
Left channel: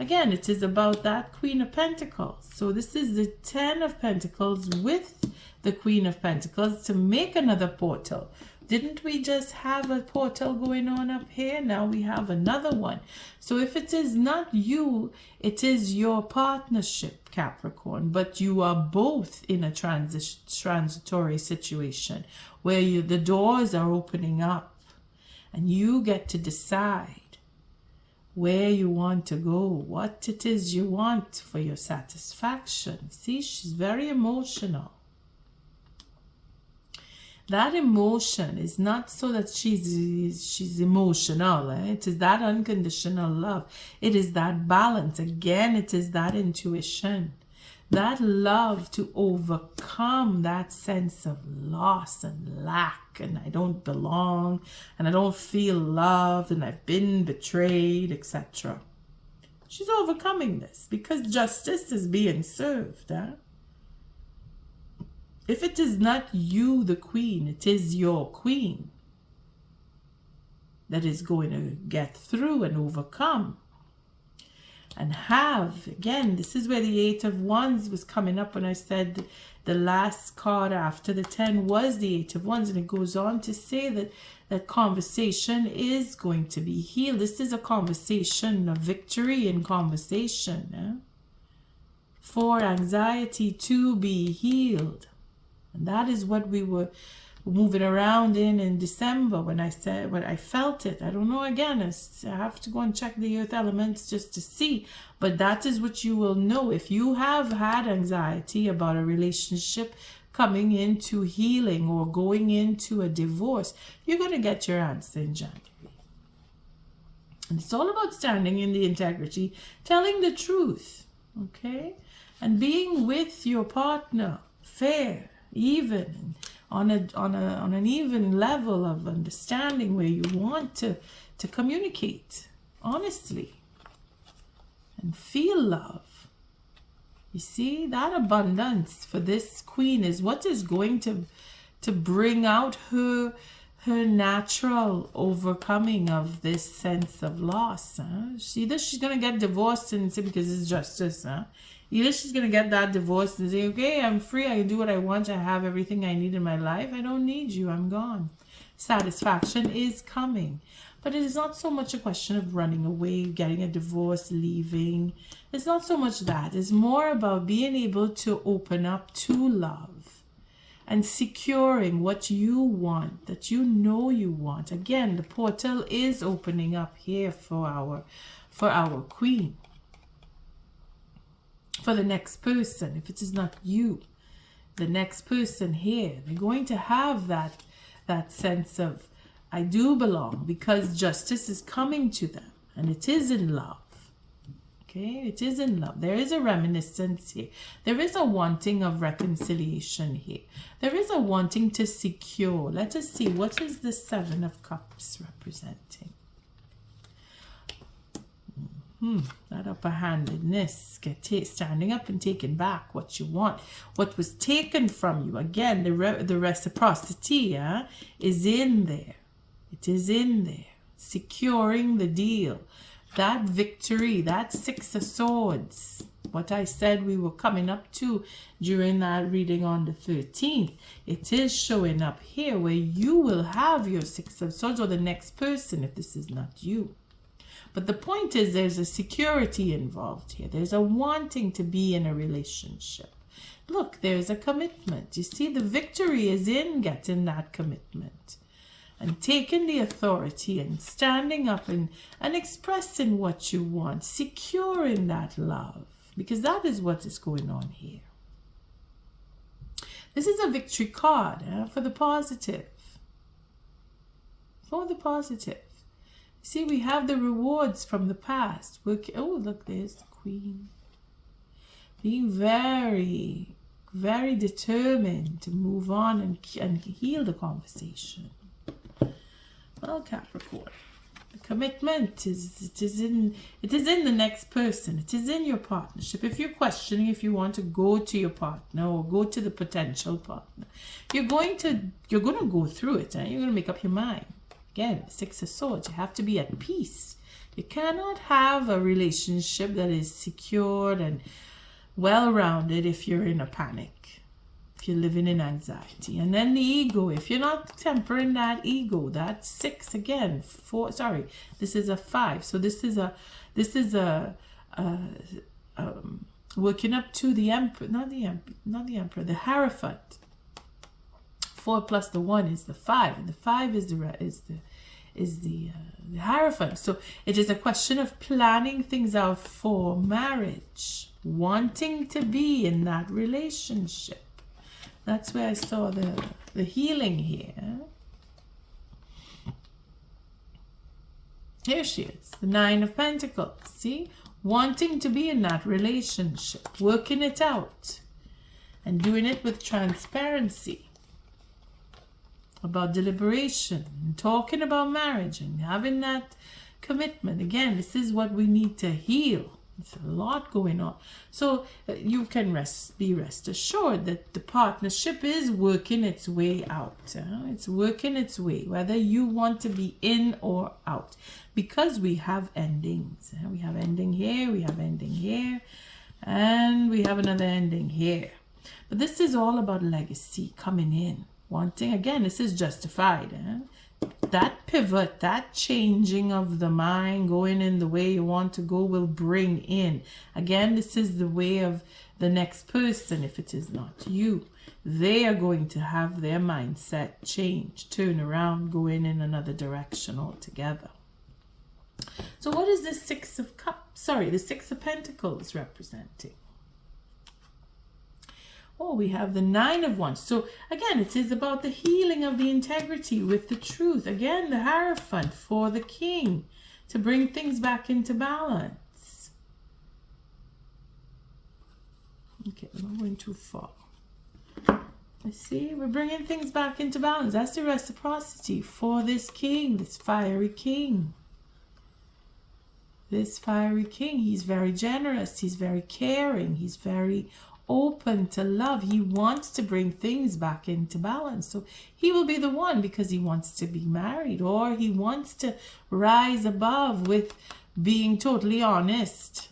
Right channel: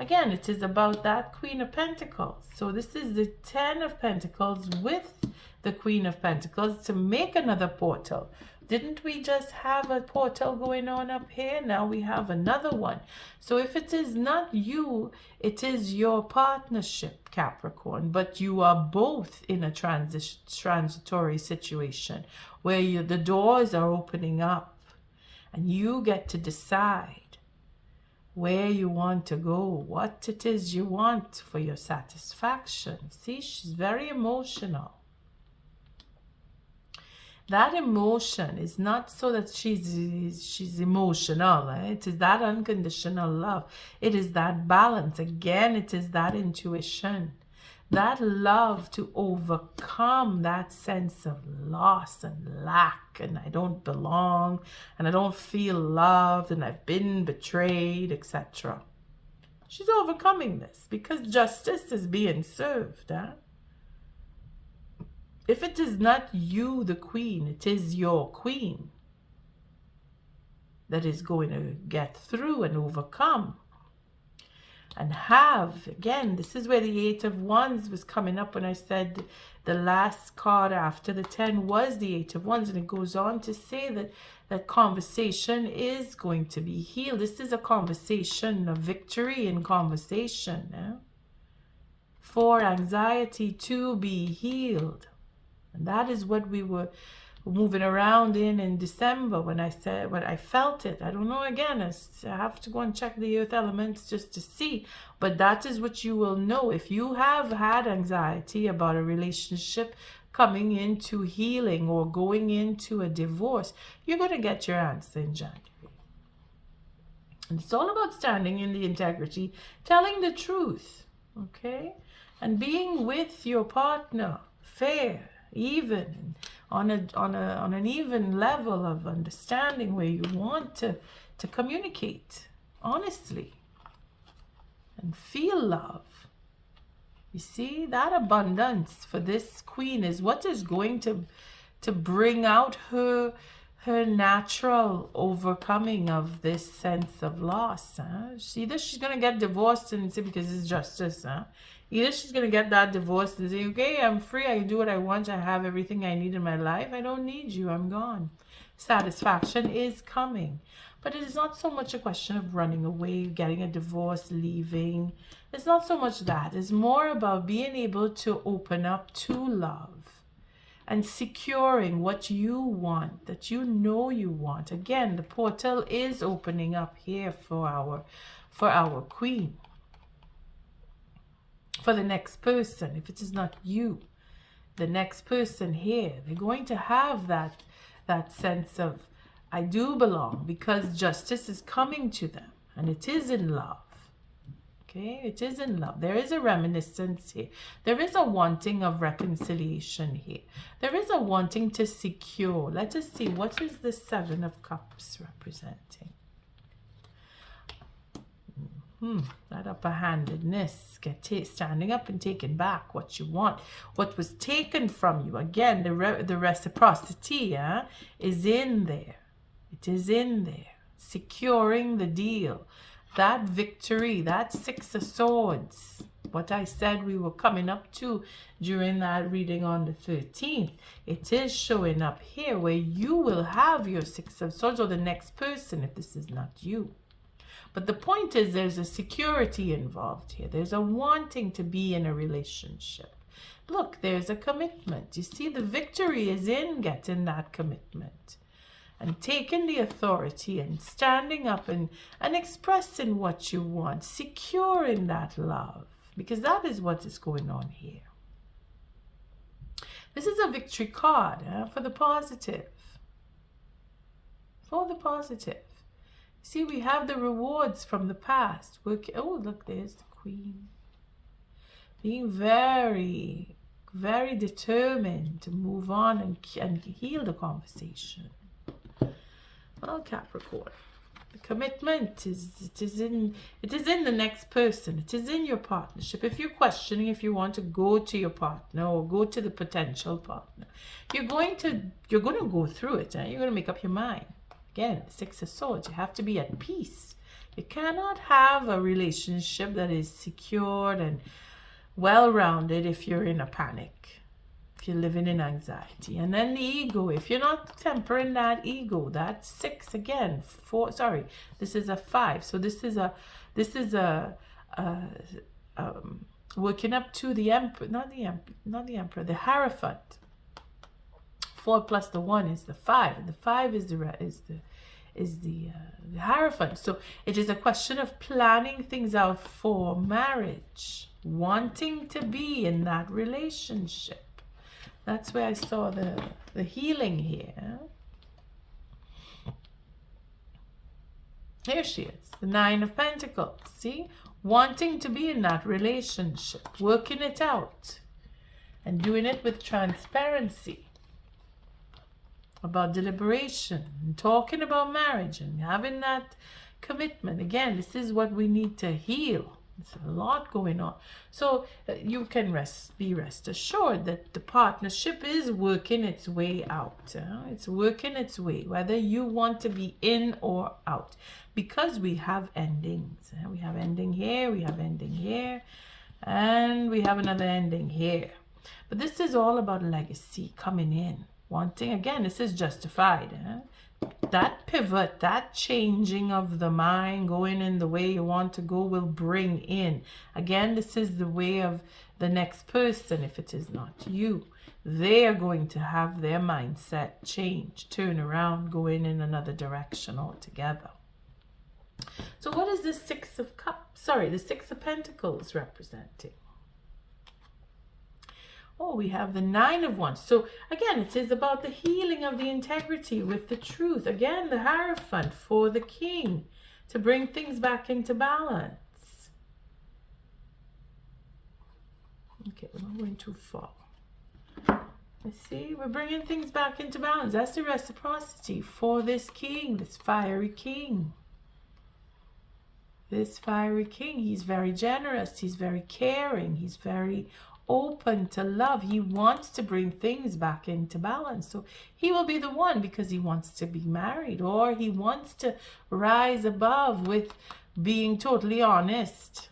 Again, it is about that Queen of Pentacles. So this is the 10 of Pentacles with the Queen of Pentacles to make another portal. Didn't we just have a portal going on up here? Now we have another one. So if it is not you, it is your partnership, Capricorn. But you are both in a transitory situation where the doors are opening up and you get to decide where you want to go, what it is you want for your satisfaction. See, she's very emotional. That emotion is not so that she's emotional. It is that unconditional love. It is that balance. Again, it is that intuition. That love to overcome that sense of loss and lack, and I don't belong, and I don't feel loved, and I've been betrayed, etc. She's overcoming this because justice is being served. If it is not you, the queen, it is your queen that is going to get through and overcome. and have, again, this is where the Eight of Wands was coming up when I said the last card after the 10 was the Eight of Wands, and it goes on to say that that conversation is going to be healed. This is a conversation, a victory in conversation. Yeah? For anxiety to be healed. And that is what we were moving around in December when I said, when I felt it. I don't know, again, I have to go and check the earth elements just to see. But that is what you will know. If you have had anxiety about a relationship coming into healing or going into a divorce, you're going to get your answer in January. And it's all about standing in the integrity, telling the truth, okay? And being with your partner, fair, even, on an even level of understanding where you want to communicate honestly and feel love. You see, that abundance for this queen is what is going to bring out her natural overcoming of this sense of loss. Either she's going to get divorced and say, because it's justice. Either she's going to get that divorce and say, okay, I'm free. I can do what I want. I have everything I need in my life. I don't need you. I'm gone. Satisfaction is coming. But it is not so much a question of running away, getting a divorce, leaving. It's not so much that. It's more about being able to open up to love and securing what you want, that you know you want. Again, the portal is opening up here for our queen. For the next person, if it is not you, the next person here, they're going to have that sense of, I do belong, because justice is coming to them, and it is in love. Okay, it is in love. There is a reminiscence here. There is a wanting of reconciliation here. There is a wanting to secure. Let us see, what is the Seven of Cups representing? That upper-handedness, standing up and taking back what you want, what was taken from you. Again, the reciprocity is in there. It is in there. Securing the deal. That victory, that Six of Swords, what I said we were coming up to during that reading on the 13th, it is showing up here where you will have your Six of Swords, or the next person if this is not you. But the point is, there's a security involved here. There's a wanting to be in a relationship. Look, there's a commitment. You see, the victory is in getting that commitment and taking the authority and standing up and expressing what you want, securing that love, because that is what is going on here. This is a victory card for the positive. For the positive. See, we have the rewards from the past. Oh, look, there's the Queen. Being very, very determined to move on and heal the conversation. Oh, Capricorn. The commitment it is in the next person. It is in your partnership. If you're questioning if you want to go to your partner or go to the potential partner, you're going to go through it, and you're going to make up your mind. Again, Six of Swords, you have to be at peace. You cannot have a relationship that is secured and well-rounded if you're in a panic, if you're living in anxiety. And then the ego, if you're not tempering that ego, that's 6 again. 4, sorry, this is a 5. So this is a working up to the Emperor, not the Emperor, the Hierophant. 4 plus the 1 is the 5, and the 5 is the Hierophant. So it is a question of planning things out for marriage, wanting to be in that relationship. That's where I saw the healing here. Here she is, the 9 of Pentacles. See, wanting to be in that relationship, working it out, and doing it with transparency. About deliberation and talking about marriage and having that commitment. Again, this is what we need to heal. There's a lot going on. So you can be rest assured that the partnership is working its way out. It's working its way, whether you want to be in or out. Because we have endings. We have ending here, we have ending here, and we have another ending here. But this is all about legacy coming in. Wanting, again, this is justified. That pivot, that changing of the mind, going in the way you want to go, will bring in. Again, this is the way of the next person. If it is not you, they are going to have their mindset change, turn around, going in another direction altogether. So what is the Six of Pentacles representing? Oh, we have the Nine of Wands. So again, it is about the healing of the integrity with the truth. Again, the Hierophant for the King to bring things back into balance. Okay, I'm not going too far. Let's see, we're bringing things back into balance. That's the reciprocity for this King, this fiery King. This fiery King, he's very generous, he's very caring, he's very open to love. He wants to bring things back into balance. So he will be the one because he wants to be married, or he wants to rise above with being totally honest.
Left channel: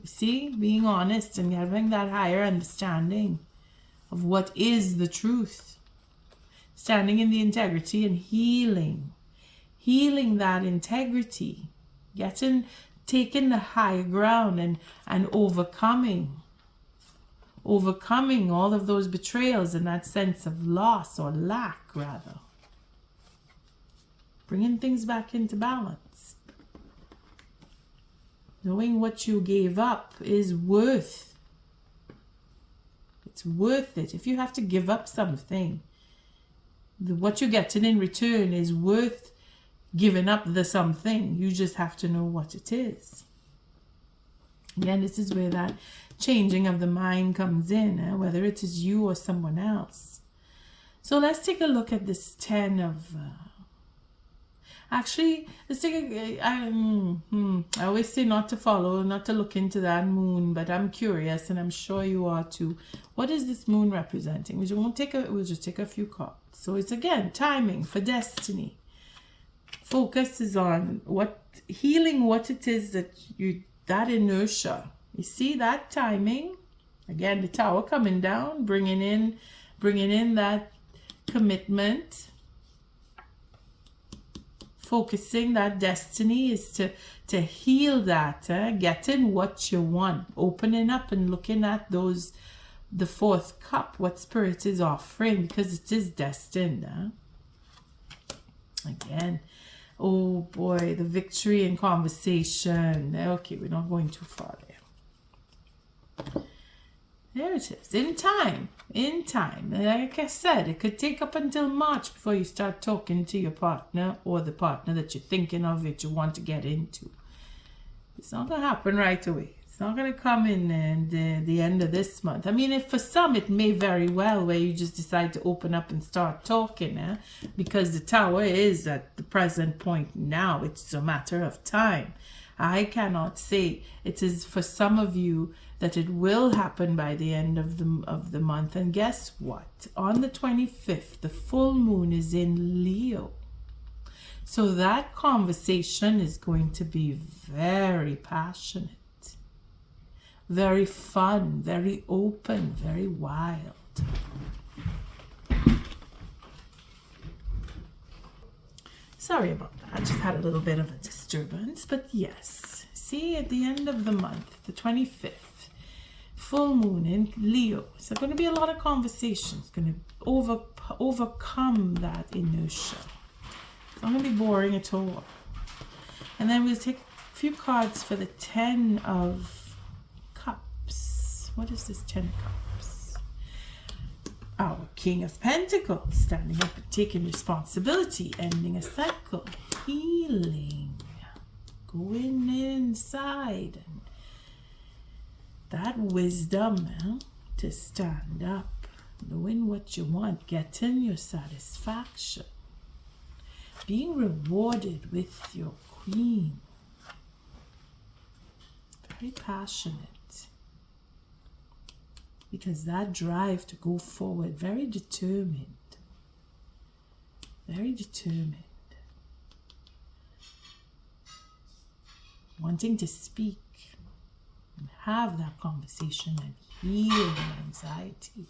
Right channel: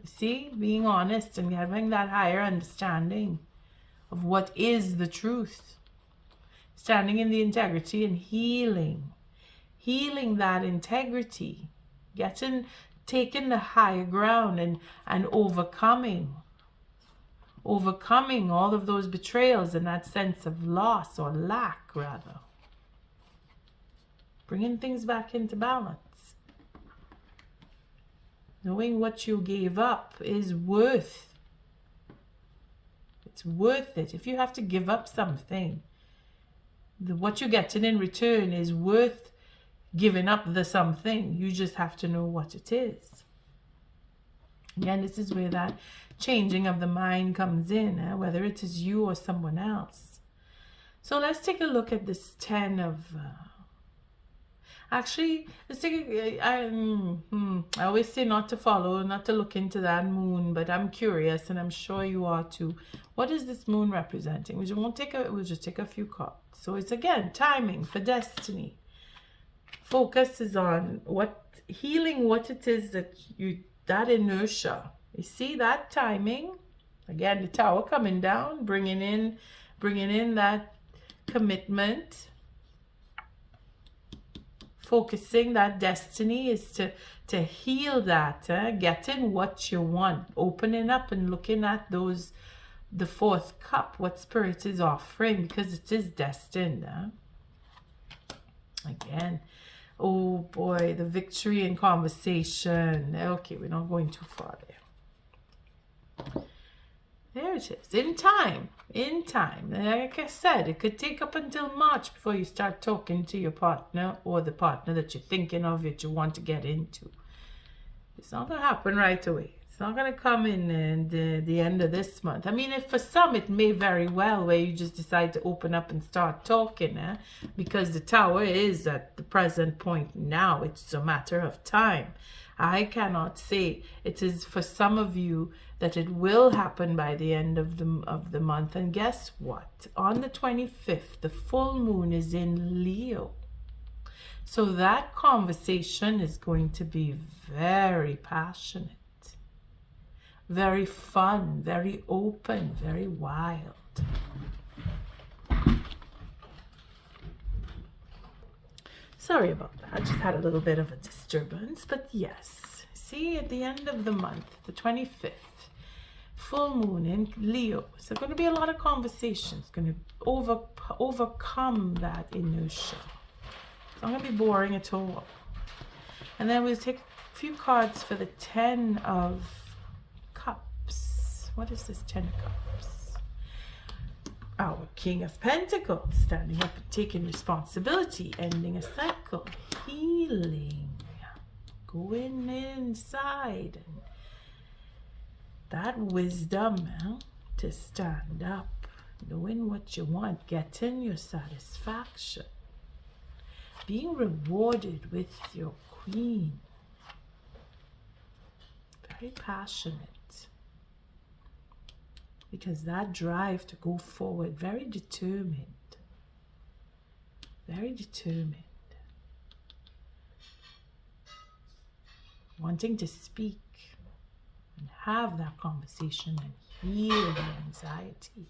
You see, being honest and having that higher understanding of what is the truth. Standing in the integrity and healing that integrity. Taking the higher ground and overcoming all of those betrayals and that sense of loss or lack, rather. Bringing things back into balance. Knowing what you gave up is worth. It's worth it. If you have to give up something, what you're getting in return is worth giving up the something. You just have to know what it is. Again, this is where that changing of the mind comes in, whether it is you or someone else. So let's take a look at this 10 of... Actually, let's take I always say not to look into that moon, but I'm curious, and I'm sure you are too. What is this moon representing? We'll just take a few cards. So it's, again, timing for destiny. Focus is on healing what it is that inertia. You see that timing? Again, the Tower coming down, bringing in that commitment. Focusing that destiny is to heal that, getting what you want, opening up and looking at the fourth cup, what Spirit is offering, because it is destined. Again, oh boy, the victory in conversation. Okay, we're not going too far there. There it is. In time. Like I said, it could take up until March before you start talking to your partner or the partner that you're thinking of, that you want to get into. It's not going to happen right away. It's not going to come in the end of this month. I mean, if for some, it may very well where you just decide to open up and start talking, because the Tower is at the present point now. It's a matter of time. I cannot say it is for some of you that it will happen by the end of the month. And guess what? On the 25th, the full moon is in Leo. So that conversation is going to be very passionate, very fun, very open, very wild. Sorry about that. I just had a little bit of a disturbance, but yes. See, at the end of the month, the 25th, full moon in Leo. So going to be a lot of conversations, going to overcome that inertia. It's not going to be boring at all. And then we'll take a few cards for the 10 of Cups. What is this 10 of Cups? Our King of Pentacles, standing up and taking responsibility, ending a cycle, healing, going inside, and that wisdom to stand up, knowing what you want, getting your satisfaction, being rewarded with your Queen. very passionate. Because that drive to go forward, very determined. Very determined. Wanting to speak and have that conversation and heal the anxiety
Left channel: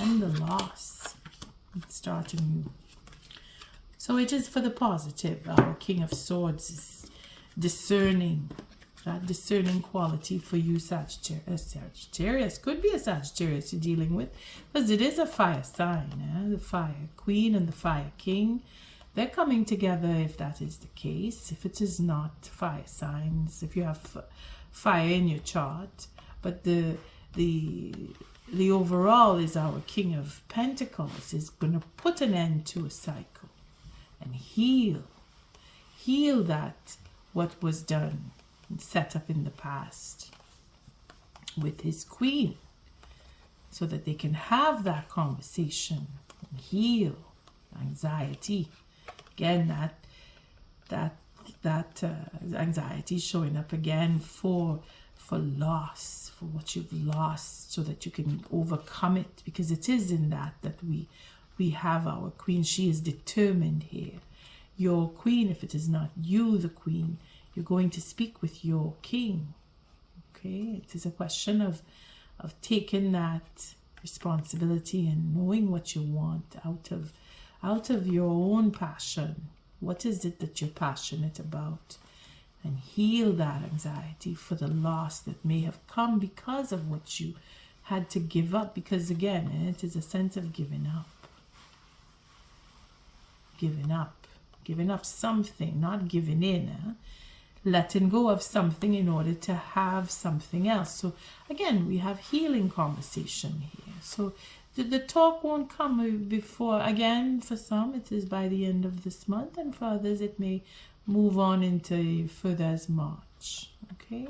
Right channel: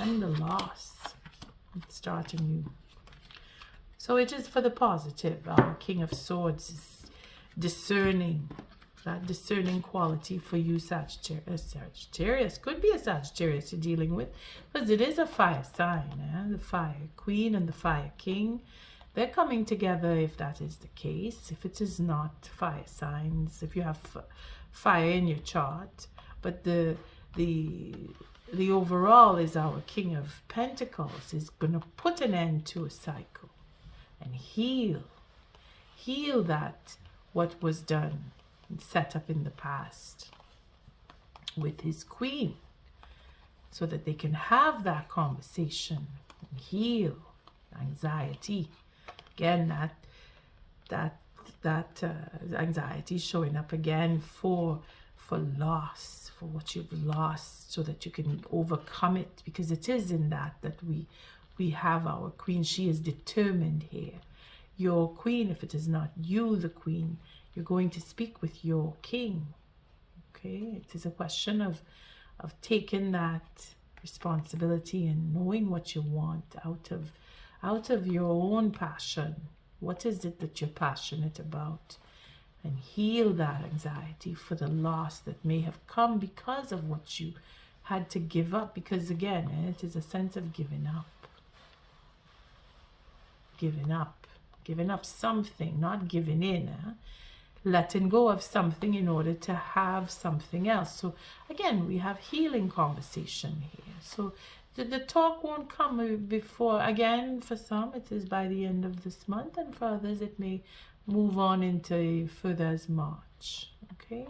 and the loss and start anew. So it is for the positive. Our King of Swords is discerning, that discerning quality for you, Sagittarius. Sagittarius could be a Sagittarius you're dealing with, because it is a fire sign. The fire queen and the fire king, they're coming together if that is the case. If it is not fire signs, if you have fire in your chart, but the overall is our King of Pentacles is going to put an end to a cycle and heal that what was done and set up in the past with his queen, so that they can have that conversation and heal anxiety. Again, that anxiety showing up again for loss, for what you've lost, so that you can overcome it, because it is in that we have our queen. She is determined here. Your queen, if it is not you, the queen, you're going to speak with your king. Okay, it is a question of taking that responsibility and knowing what you want out of your own passion. What is it that you're passionate about? And heal that anxiety for the loss that may have come because of what you had to give up. Because again, it is a sense of giving up. Giving up something, not giving in. Letting go of something in order to have something else. So again, we have healing conversation here. So the talk won't come before, again, for some it is by the end of this month, and for others it may move on into further as March. Okay,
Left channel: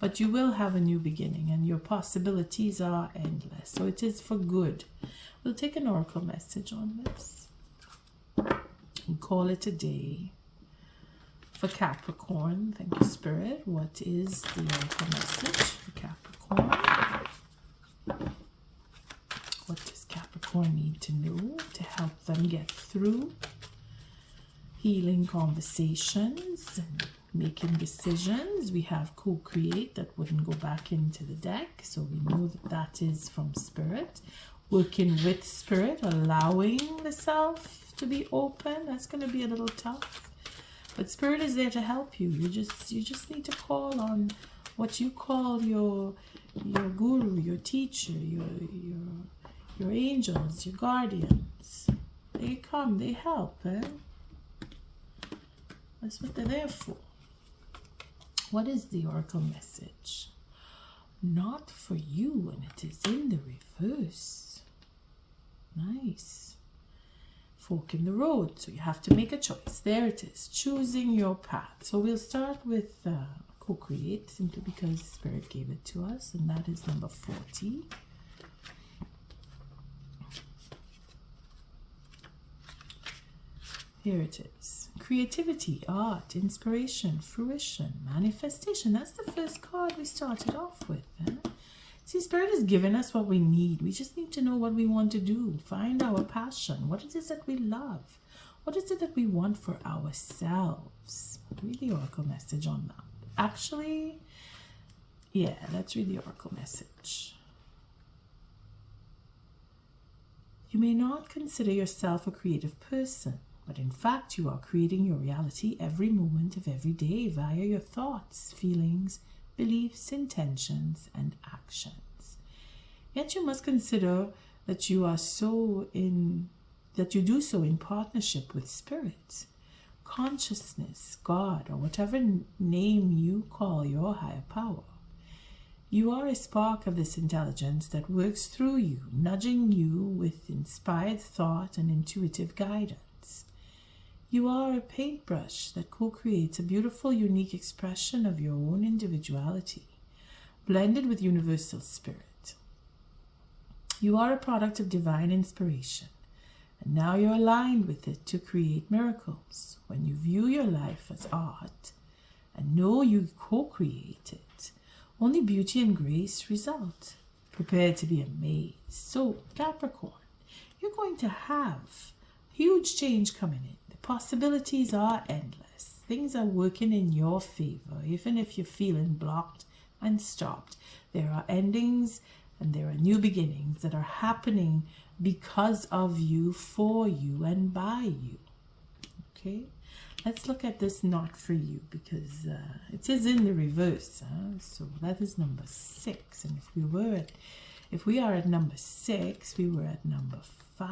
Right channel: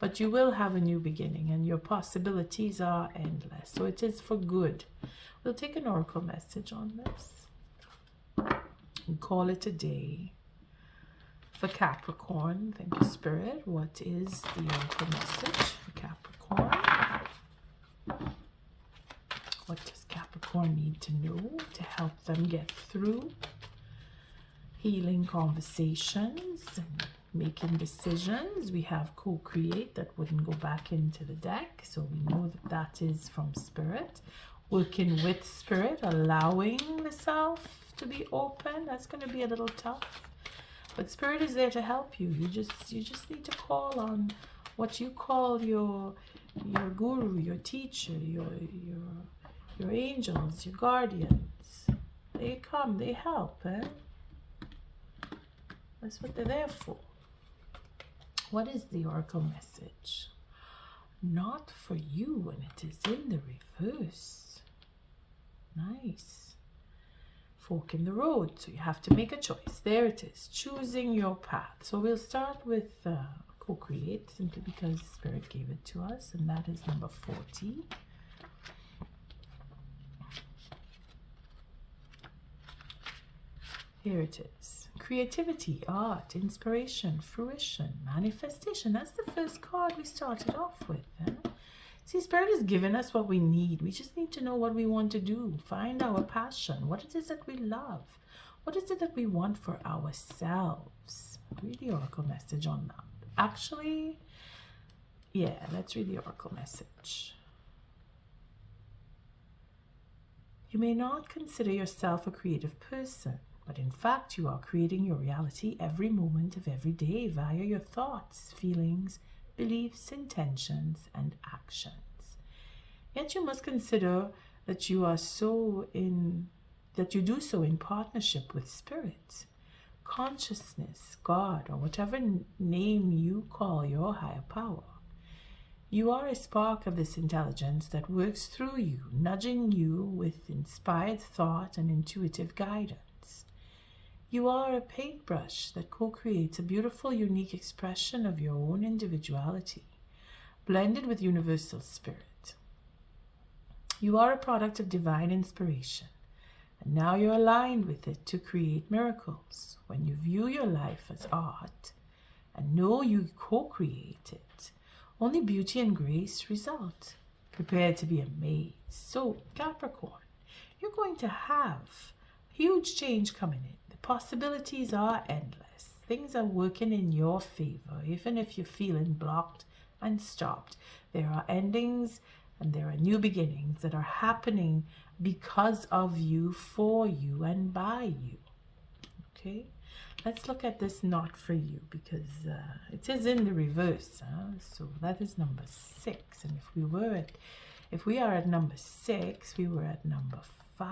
but you will have a new beginning and your possibilities are endless. So it is for good. We'll take an oracle message on this and call it a day. For Capricorn, thank you, Spirit. What is the oracle message for Capricorn? What does Capricorn need to know to help them get through healing conversations and making decisions? We have co-create, that wouldn't go back into the deck, so we know that that is from Spirit. Working with Spirit, allowing the self to be open, that's going to be a little tough. But Spirit is there to help you. You just need to call on what you call your guru, your teacher, your angels, your guardians. They come, they help. That's what they're there for. What is the oracle message? Not for you, and it is in the reverse. Nice. Fork in the road, so you have to make a choice. There it is, choosing your path. So we'll start with co-create, simply because Spirit gave it to us, and that is number 40. Here it is. Creativity, art, inspiration, fruition, manifestation. That's the first card we started off with. See, Spirit has given us what we need. We just need to know what we want to do. Find our passion. What it is that we love. What is it that we want for ourselves? Read the oracle message on that. Actually, yeah, let's read the oracle message. You may not consider yourself a creative person, but in fact you are creating your reality every moment of every day via your thoughts, feelings, beliefs, intentions, and actions. Yet you must consider that you do so in partnership with Spirit, consciousness, God, or whatever name you call your higher power. You are a spark of this intelligence that works through you, nudging you with inspired thought and intuitive guidance. You are a paintbrush that co-creates a beautiful, unique expression of your own individuality, blended with universal spirit. You are a product of divine inspiration, and now you're aligned with it to create miracles. When you view your life as art and know you co-create it, Only beauty and grace result. Prepare to be amazed. So, Capricorn, you're going to have huge change coming in. The possibilities are endless. Things are working in your favor, even if you're feeling blocked and stopped. There are endings and there are new beginnings that are happening because of you, for you, and by you. Okay? Let's look at this not for you, because it is in the reverse. So that is number 6. And if we are at number 6, we were at number 5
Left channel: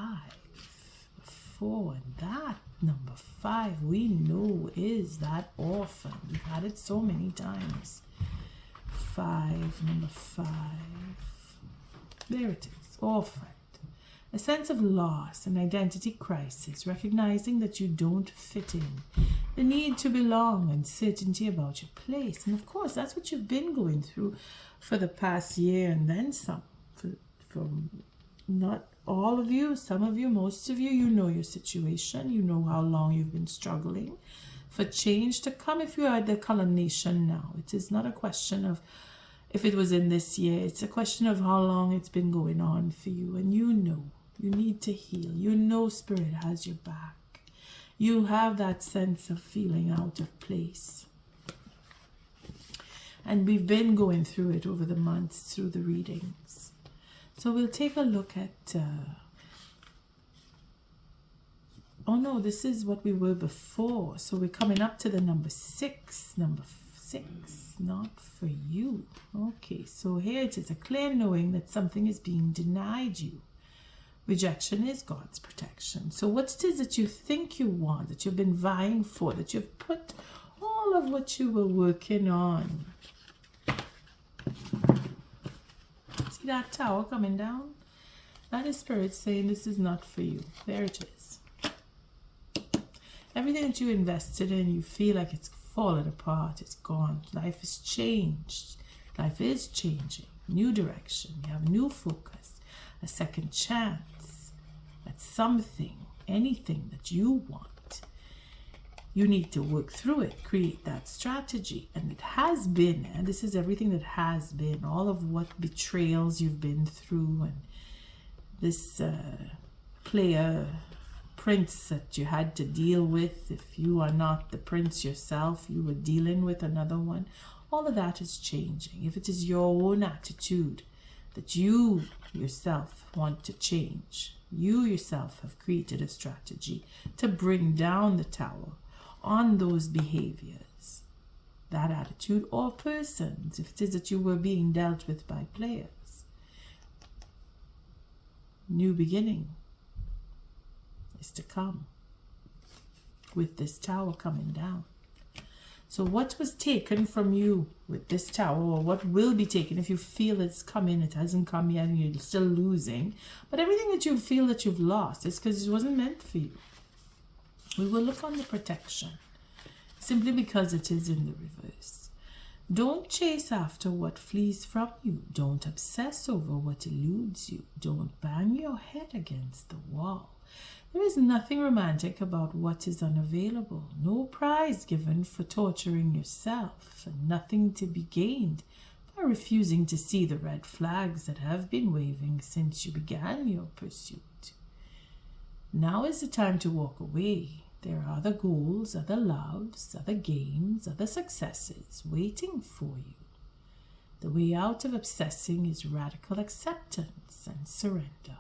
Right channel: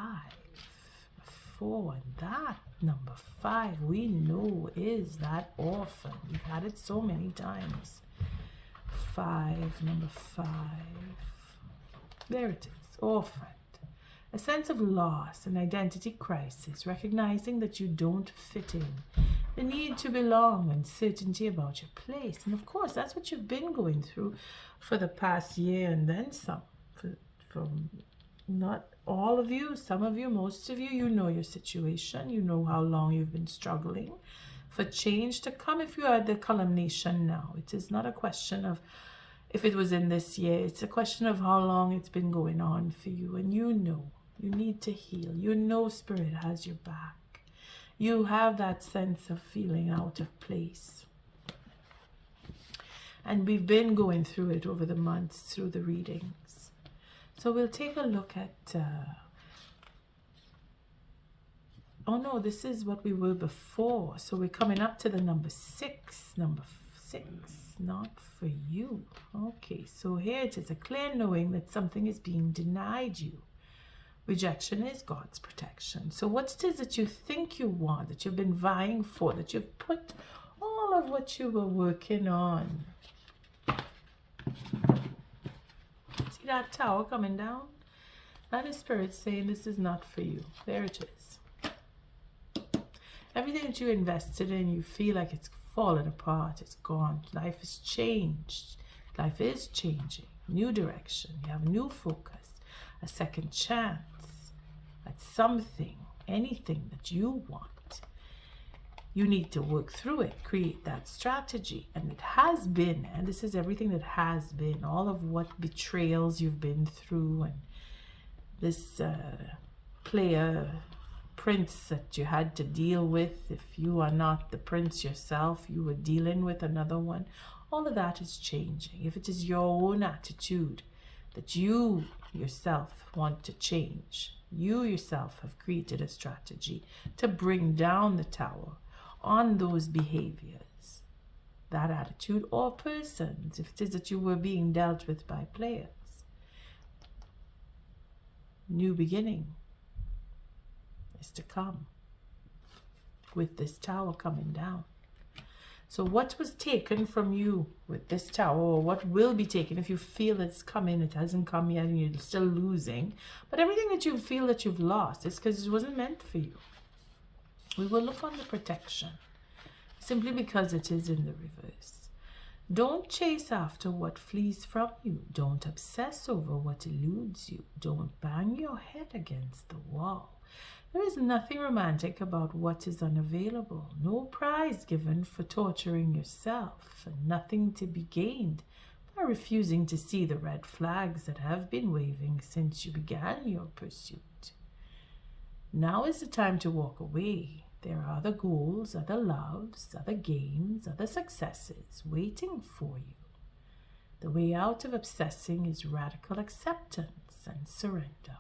before. And that number 5 we know is that orphan. We've had it so many times. 5, number 5. There it is, orphan. A sense of loss, an identity crisis, recognizing that you don't fit in, the need to belong, uncertainty about your place. And of course, that's what you've been going through for the past year and then some. From not all of you, some of you, most of you, you know your situation. You know how long you've been struggling for change to come. If you are at the culmination now, it is not a question of if it was in this year. It's a question of how long it's been going on for you. And you know. You need to heal. You know Spirit has your back. You have that sense of feeling out of place. And we've been going through it over the months through the readings. So we'll take a look at... oh no, this is what we were before. So we're coming up to the number 6. Number 6, not for you. Okay, so here it is, a clear knowing that something is being denied you. Rejection is God's protection. So what it is that you think you want, that you've been vying for, that you've put all of what you were working on. See that tower coming down? That is Spirit saying this is not for you. There it is. Everything that you invested in, you feel like it's fallen apart. It's gone. Life has changed. Life is changing. New direction. You have new focus. A second chance at something, anything that you want. You need to work through it, create that strategy. And it has been, and this is everything that has been, all of what betrayals you've been through, and this player prince that you had to deal with. If you are not the prince yourself, you were dealing with another one. All of that is changing. If it is your own attitude that you yourself want to change, you yourself have created a strategy to bring down the tower on those behaviors, that attitude, or persons, if it is that you were being dealt with by players. New beginning is to come with this tower coming down. So what was taken from you with this tower, or what will be taken if you feel it's coming, it hasn't come yet and you're still losing. But everything that you feel that you've lost is because it wasn't meant for you. We will look on the protection, simply because it is in the reverse. Don't chase after what flees from you. Don't obsess over what eludes you. Don't bang your head against the wall. There is nothing romantic about what is unavailable. No prize given for torturing yourself, and nothing to be gained by refusing to see the red flags that have been waving since you began your pursuit. Now is the time to walk away. There are other goals, other loves, other games, other successes waiting for you. The way out of obsessing is radical acceptance and surrender.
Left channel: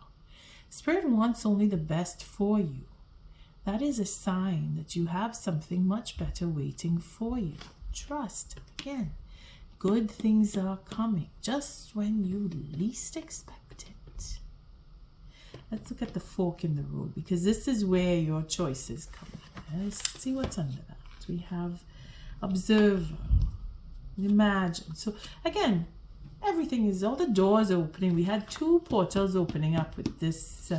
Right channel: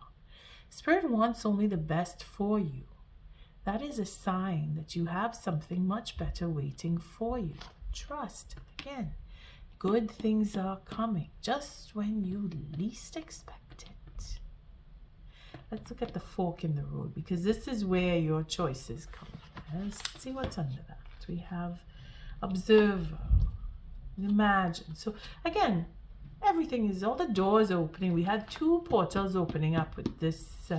Spirit wants only the best for you. That is a sign that you have something much better waiting for you. Trust. Again, good things are coming just when you least expect it. Let's look at the fork in the road, because this is where your choices come. Let's see what's under that. We have observer, imagine. So again, everything is, all the doors are opening. We had 2 portals opening up with this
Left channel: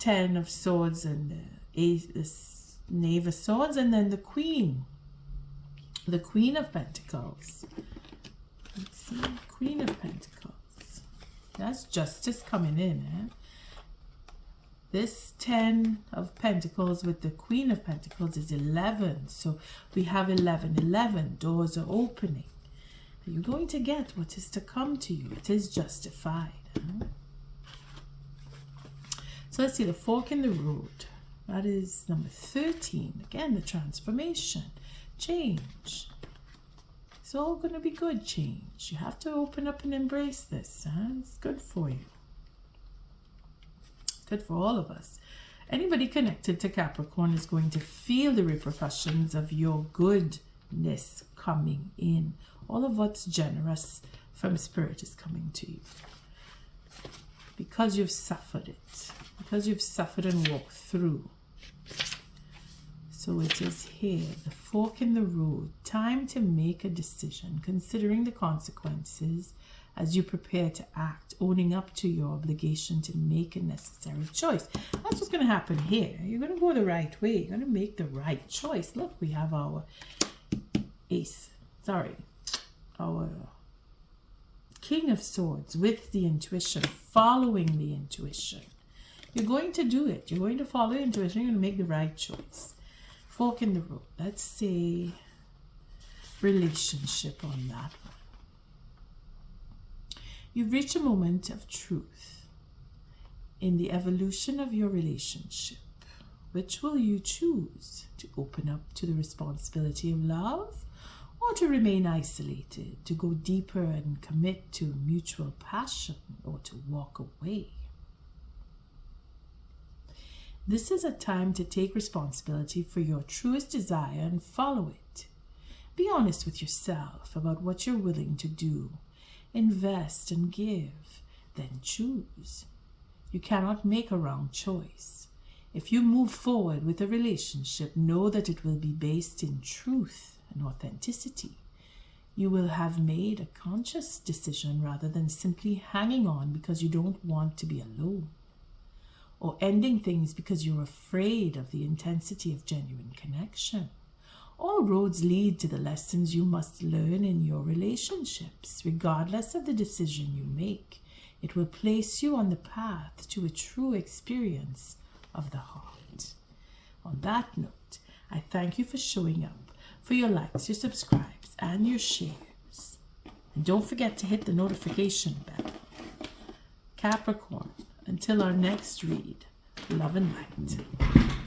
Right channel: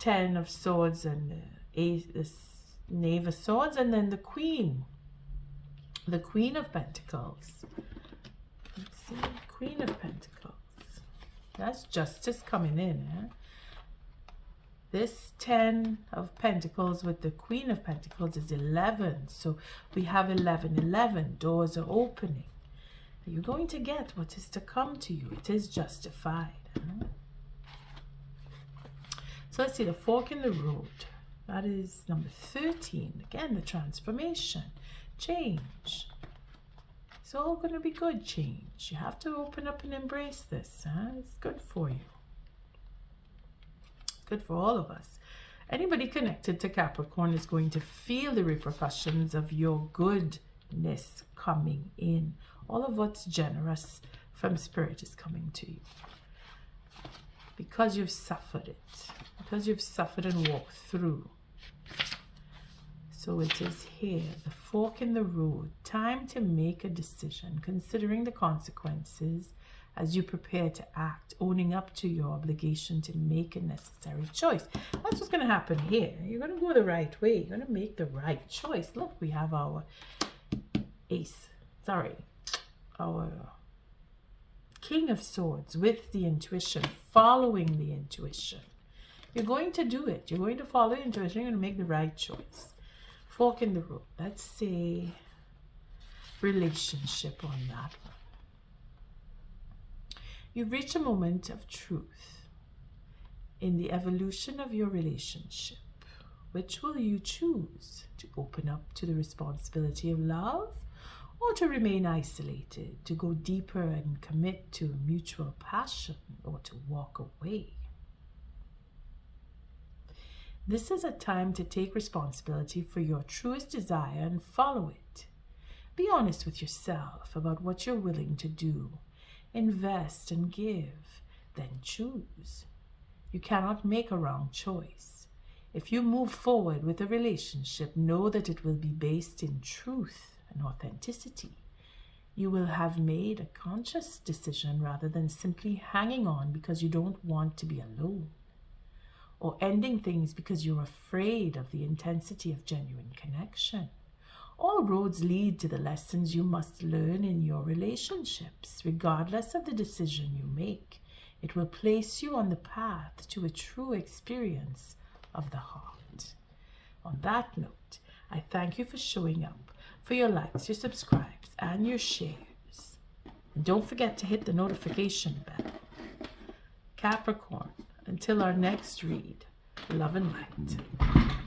10 of swords and this knave of swords, and then the queen of pentacles. Let's see, queen of pentacles. That's justice coming in. This 10 of pentacles with the queen of pentacles is 11. So we have 11. Doors are opening. You're going to get what is to come to you. It is justified. So let's see, the fork in the road. That is number 13. Again, the transformation. Change. It's all going to be good change. You have to open up and embrace this. It's good for you. It's good for all of us. Anybody connected to Capricorn is going to feel the repercussions of your goodness coming in. All of what's generous from Spirit is coming to you. Because you've suffered it. Because you've suffered and walked through. So it is here, the fork in the road. Time to make a decision, considering the consequences as you prepare to act, owning up to your obligation to make a necessary choice. That's what's going to happen here. You're going to go the right way. You're going to make the right choice. Look, we have our our King of Swords with the intuition, following the intuition. You're going to do it. You're going to follow the intuition. You're going to make the right choice. Fork in the road. Let's say relationship on that one. You've reached a moment of truth in the evolution of your relationship. Which will you choose? To open up to the responsibility of love, or to remain isolated, to go deeper and commit to mutual passion, or to walk away? This is a time to take responsibility for your truest desire and follow it. Be honest with yourself about what you're willing to do. Invest and give, then choose. You cannot make a wrong choice. If you move forward with a relationship, know that it will be based in truth and authenticity. You will have made a conscious decision rather than simply hanging on because you don't want to be alone, or ending things because you're afraid of the intensity of genuine connection. All roads lead to the lessons you must learn in your relationships. Regardless of the decision you make, it will place you on the path to a true experience of the heart. On that note, I thank you for showing up, for your likes, your subscribes, and your shares. And don't forget to hit the notification bell. Capricorn, until our next read, love and light.